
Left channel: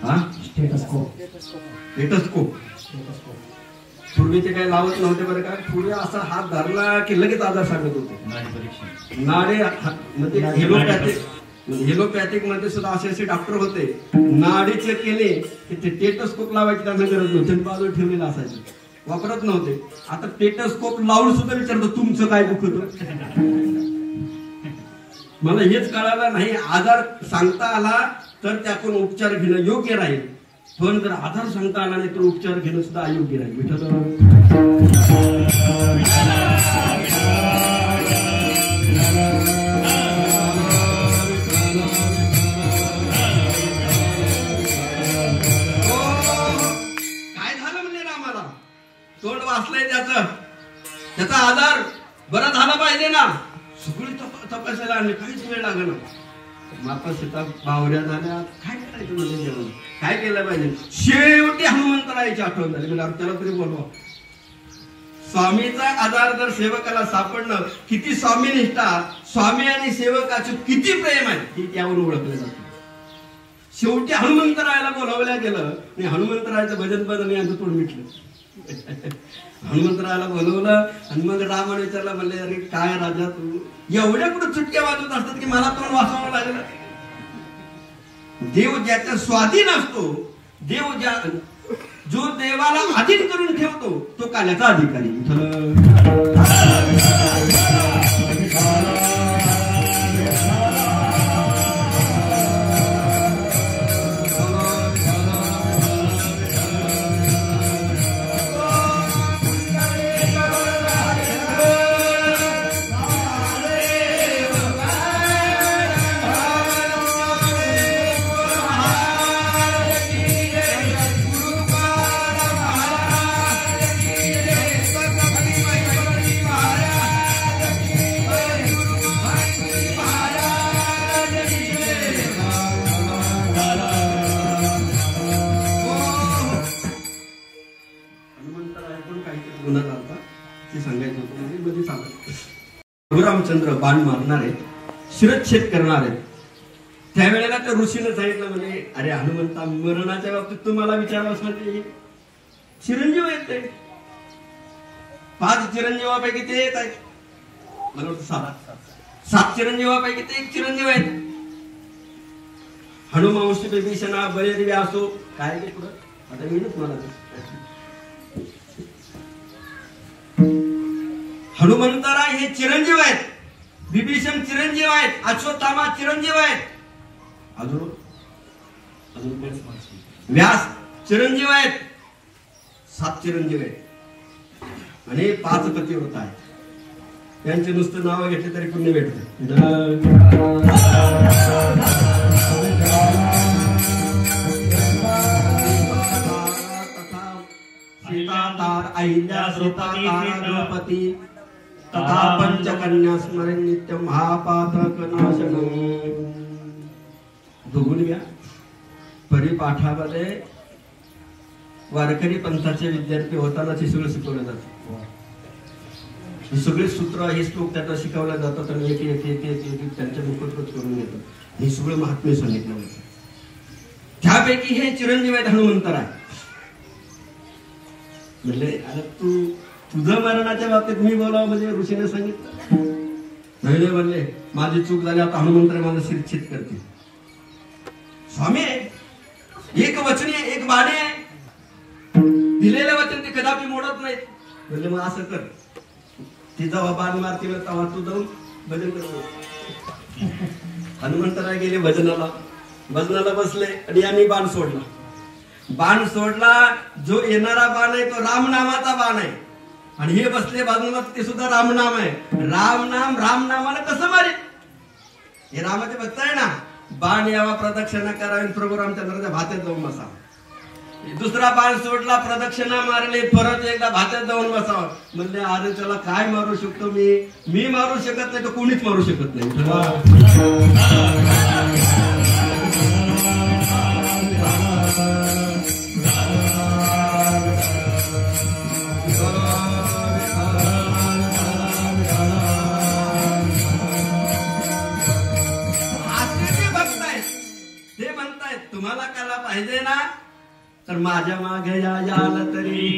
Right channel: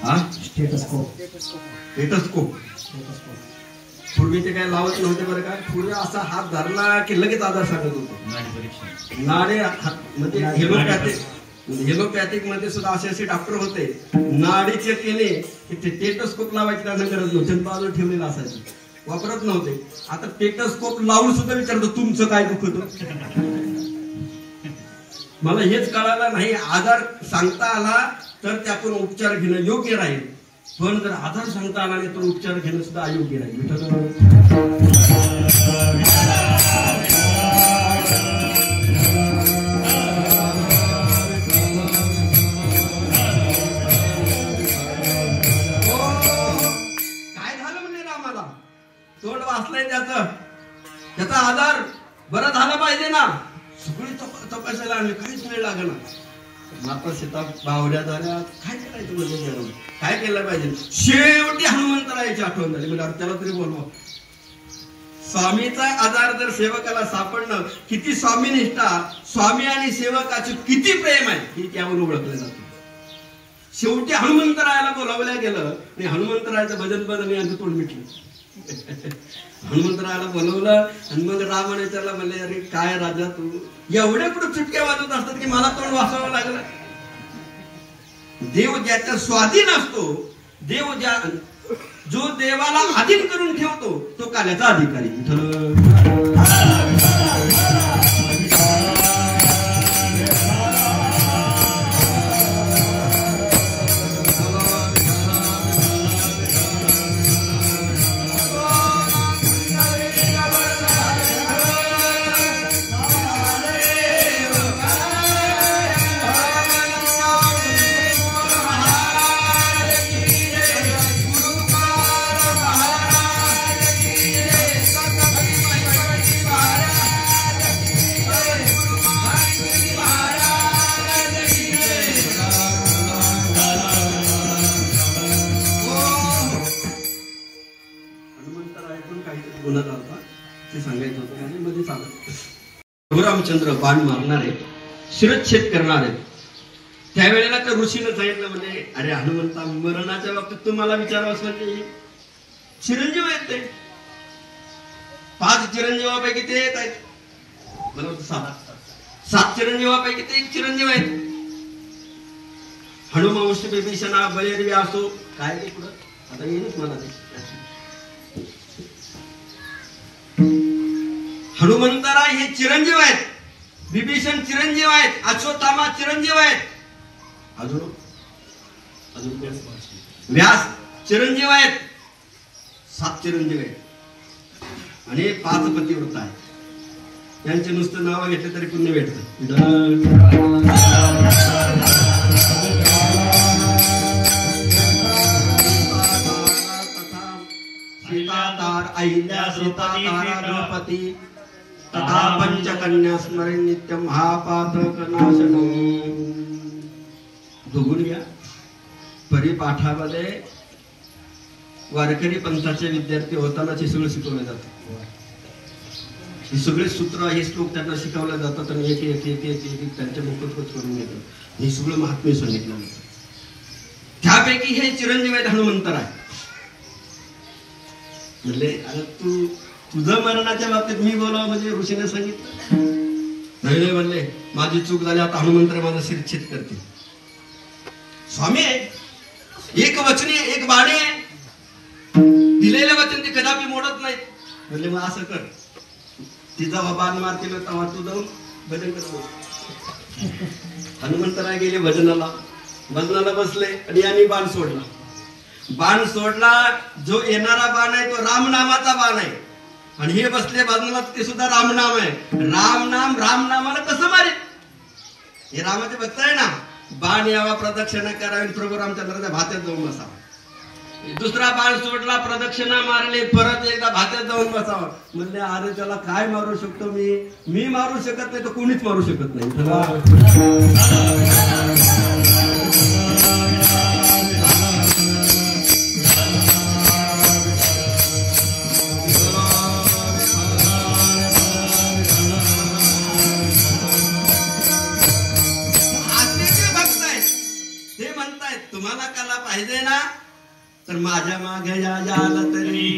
हा स्टेटस्कोप. पूर्वी ते काही लावत नव्हते बरं का. पूर्वी असा हात धरला की लगेच आजार सांगत होतो. नाडे म्हणजे हेलोपॅथिक मध्ये सुद्धा असे डॉक्टर होते. नाडी चेक केले की ते टेटस्कोप लावायची त्यांना गरज नव्हती, बाजूला ठेवलेलं असायचं, वापरत नव्हते. आता टेटस्कोप लावून सुद्धा विचारतो तुमचं काय दुखत. मला हेच कळालं नाही, आजार सांगता आला तर त्यातून उपचार घेणं योग्य राहील, पण जर आजार सांगता आला नाही तर उपचार घेणं सुद्धा अयोग्य राहील. तोंड वाचलंय त्याचा आजार बरा झाला पाहिजे ना. सगळी तपासायला आणले, काहीच वेळ लागला. माता सीता बावऱ्या झाल्या, काय करायचं म्हणजे जेवण काय केलं पाहिजे. शेवटी हनुमंतरायाची आठवण झाली. म्हणजे त्याला तरी बोलवा. स्वामीचा आजार जर सेवकाला सापडणं, किती स्वामी निष्ठा, स्वामी आणि सेवकाचे किती प्रेम आहे हे त्यावरून ओळखलं जातं. शेवटी हनुमंतरायाला बोलावल्या गेलं आणि हनुमंतरायाचं भजन बदल यांचं तोंड मिटलं. हनुमंतरायाला बोलवलं आणि मग रामाने विचारला, म्हणले अरे काय राजा तू एवढ्या कुठं चुटक्या वाजवत असतात की मला तोंड वाचावं लागलं. देव ज्याच्या स्वाधीन असतो, देव जो देवाला अधीन करून ठेवतो तो काल्याचा अधिकारी. रामचंद्र बाण मारणारे, शिरच्छेद करणारे. त्यावेळेला त्या ऋषीनं सांगितलं, म्हणजे अरे हनुमंता, मरणाच्या बाबतीत तुम्हाला विचारावंच म्हणजे चिरंजीव आहेत ते. 5 चिरंजीवापैकी ते एक आहेत, बरोबर. 7 चिरंजीवापैकी ते एक चिरंजीव आहेत. हनुवंश विभीषणा बळीर असो काय ते पुढं आता येईलच मला. हनुमंतराय हे चिरंजीव आहेत, विभीषण चिरंजीव आहेत, अश्वत्थामा चिरंजीव आहेत, अजून व्यास चिरंजीव आहेत. 7 चिरंजीव आहेत आणि 5 पतिव्रत आहेत. यांचे नुसतं नाव घेतले तरी पुण्य भेटते. सीतातार अहिल्या सीतातारा द्रौपदी तथा पंचकन्या स्मरण नित्य महापातक नाशनमी. दोघून घ्या. परिपाठामध्ये वारकरी पंथाचे विद्यार्थी होताना हे सगळं शिकवले जाते. हे सगळे सूत्र हे श्लोक त्यांना शिकवले जातात आणि एक एक एक एक एक त्यांच्या मुखोद्गत करून येतात. हे सगळं महात्म्य सांगितलं जातं. त्यापैकी हे चिरंजीव आहेत हनुमंतर आहे. म्हणले आता तू तुझं मरणाच्या बाबतीत मी बोलावं म्हणजे ऋषीने सांगितलं नाही. म्हणले माझी चूक झाली, आता हनुमंतर माझं शिरछेद करते. स्वामी आहे, एक वचनी एक बाणे आहे, दिलेलं वचन ते कदापि मोडत नाहीत. म्हणले मग असं कर, ती जेव्हा बाण मारते तेव्हा तू जाऊन भजन कर. हनुमंतराय गेले भजनाला बसले आणि यांनी बाण सोडला. जो येणारा बाण आहे तो रामनामाचा बाण आहे आणि हे बसले भजनाला ते सुद्धा रामनाम आहे. रामनामाला कसं मारे? हे रामाचे भक्त आहे ना. बाण यावा प्रदक्षिणा करावी, प्रभू रामचंद्राच्या भात्यात जाऊन बसावं. दुसरा बाण सोडला, प्रदक्षिणा मारली, परत एकदा भात्यात जाऊन बसावं. म्हणले अरे त्याला काय मारू शकतो मी मारू शकत नाही, तो कोणीच मारू शकत नाही. तुम्हाला कला पाहिजे ना तर माझ्या मागे याल तरी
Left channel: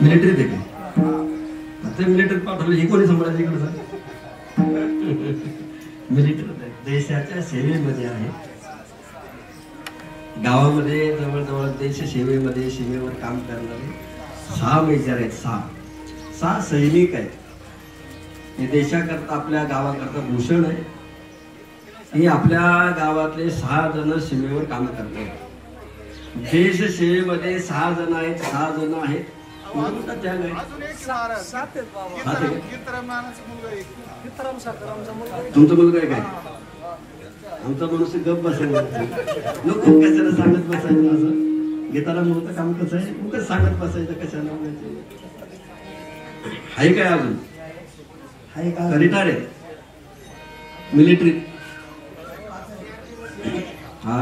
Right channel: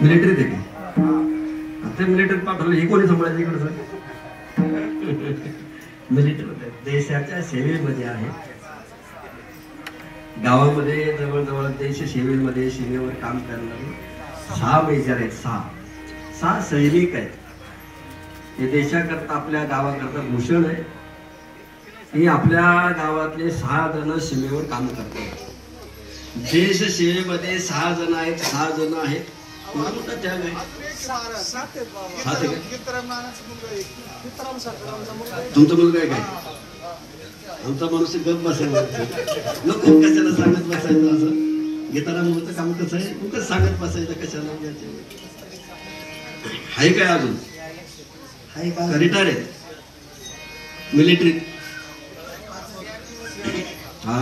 मिलिटरी देखील आता मिलिटरी पाठवलं हे कोणी सांभाळायचं इकडे सर मिलिटरी देशाच्या सेवेमध्ये आहे. गावामध्ये जवळजवळ देश सेवेमध्ये सीमेवर काम करणारे 6 मेजर आहेत. 6 सैनिक आहेत. हे देशाकरता आपल्या गावाकरता भूषण आहे. हे आपल्या गावातले 6 जण सीमेवर काम करतात. देश सेवेमध्ये 6 जण आहेत. 6 जण आहेत. तुमचा मुलगा आहे काय? आमचा माणूस गप बसायला नको कशाला सांगत बसायचं. असं घेताना म्हणून काम कसं आहे उगाच सांगत बसायचं कशाला आहे काय अजून आहे का? रिटायर आहेत मिलिटरीत. हा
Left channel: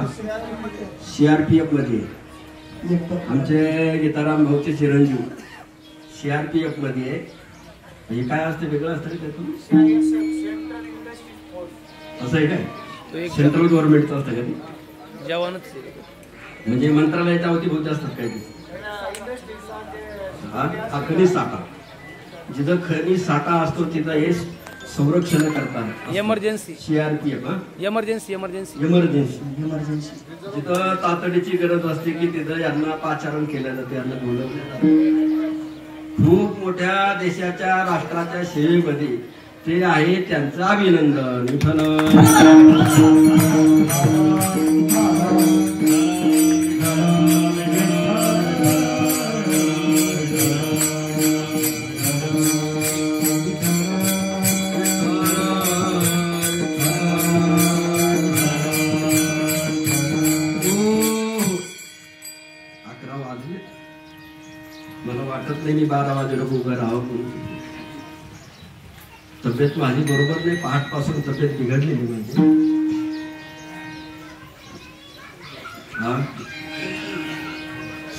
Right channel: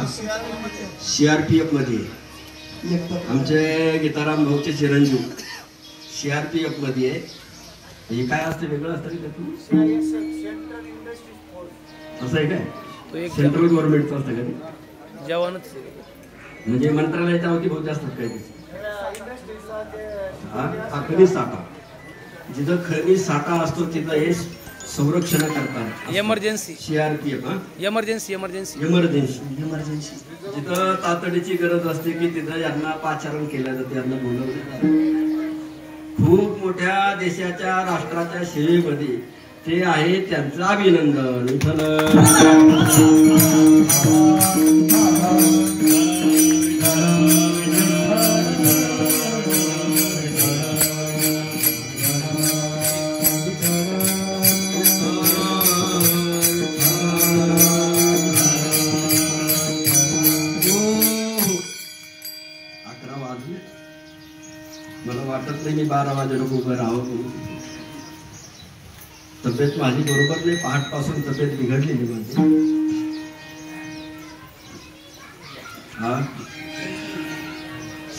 CRPF मध्ये आमचे गीताराम भाऊचे चिरंजीव CRPF मध्ये आहे. हे काय असतं वेगळं असतं का? असं आहे काय? सेंट्रल गव्हर्नमेंटचं असतं का? जवानच म्हणजे मंत्रालयाच्या वती बहुत जास्त काय ते खनिज साठा जिथं खनिज साठा असतो तिथं हे संरक्षण करतात. इमर्जन्सी CRPF इमर्जन्सी जिथं तातडीची गरज असते की तिथं यांना पाचारण केलं जाते. यांना बोलवलं जातं. खूप मोठ्या देशाच्या राष्ट्राच्या सेवेमध्ये ते आहे. त्यांचं अभिनंदन. मला वाटत नाही मी 12 वाजे लोक उभं राहावं. तब्येत माझी बरोबर नाही. पहाटपासून तब्येत बिघडलेली म्हणजे. हा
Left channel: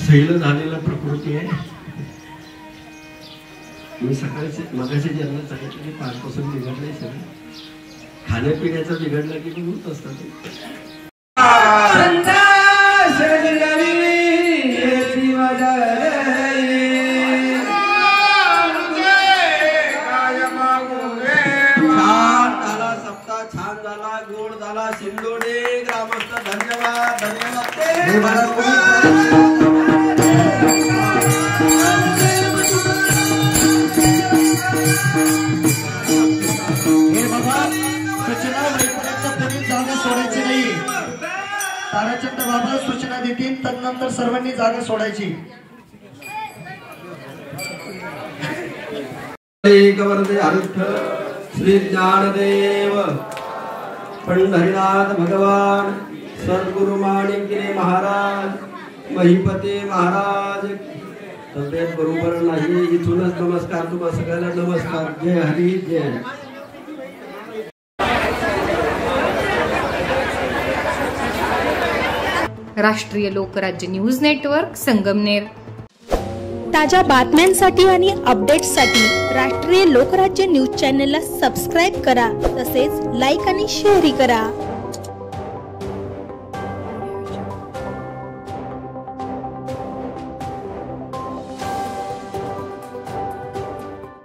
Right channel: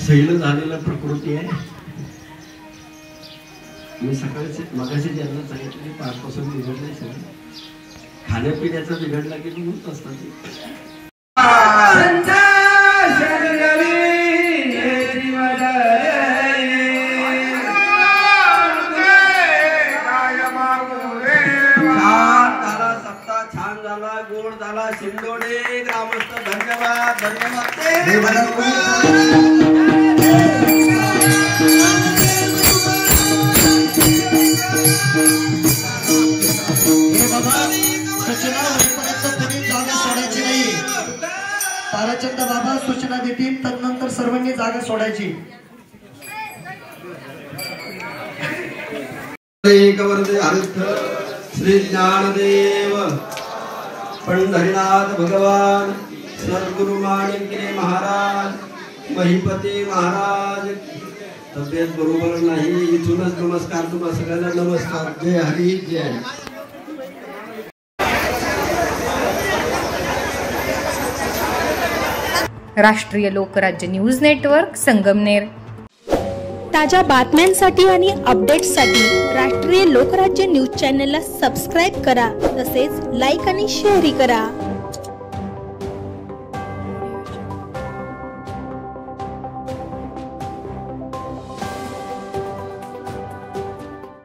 सैल झालेला प्रकृती आहे. मी सकाळी मगाशी ज्यांना सांगितलं की पहाटपासून बिघडलंय सगळं. खाण्यापिण्याचं बिघडलं की मी होत असतं. छान झाला, गोड झाला. शिंदोडे ग्रामस्थ धन्यवाद. जागा सोडायची नाही. ताराचंद बाबा सूचना देतील तदनंतर सर्वांनी जागा सोडायची. श्री ज्ञानदेव पंढरीनाथ भगवान सद्गुरु माणिकगिरी महाराज महिपती महाराज. तब्येत बरोबर नाही इथूनच नमस्कार. तुम्हा सगळ्यांना नमस्कार. जय हरी जय हरी. राष्ट्रीय लोकराज्य न्यूज नेटवर्क संगमनेर. ताज्या बातम्यांसाठी आणि अपडेट्ससाठी राष्ट्रीय लोकराज्य न्यूज चॅनलला सबस्क्राईब करा. तसेच लाईक आणि शेअरही करा.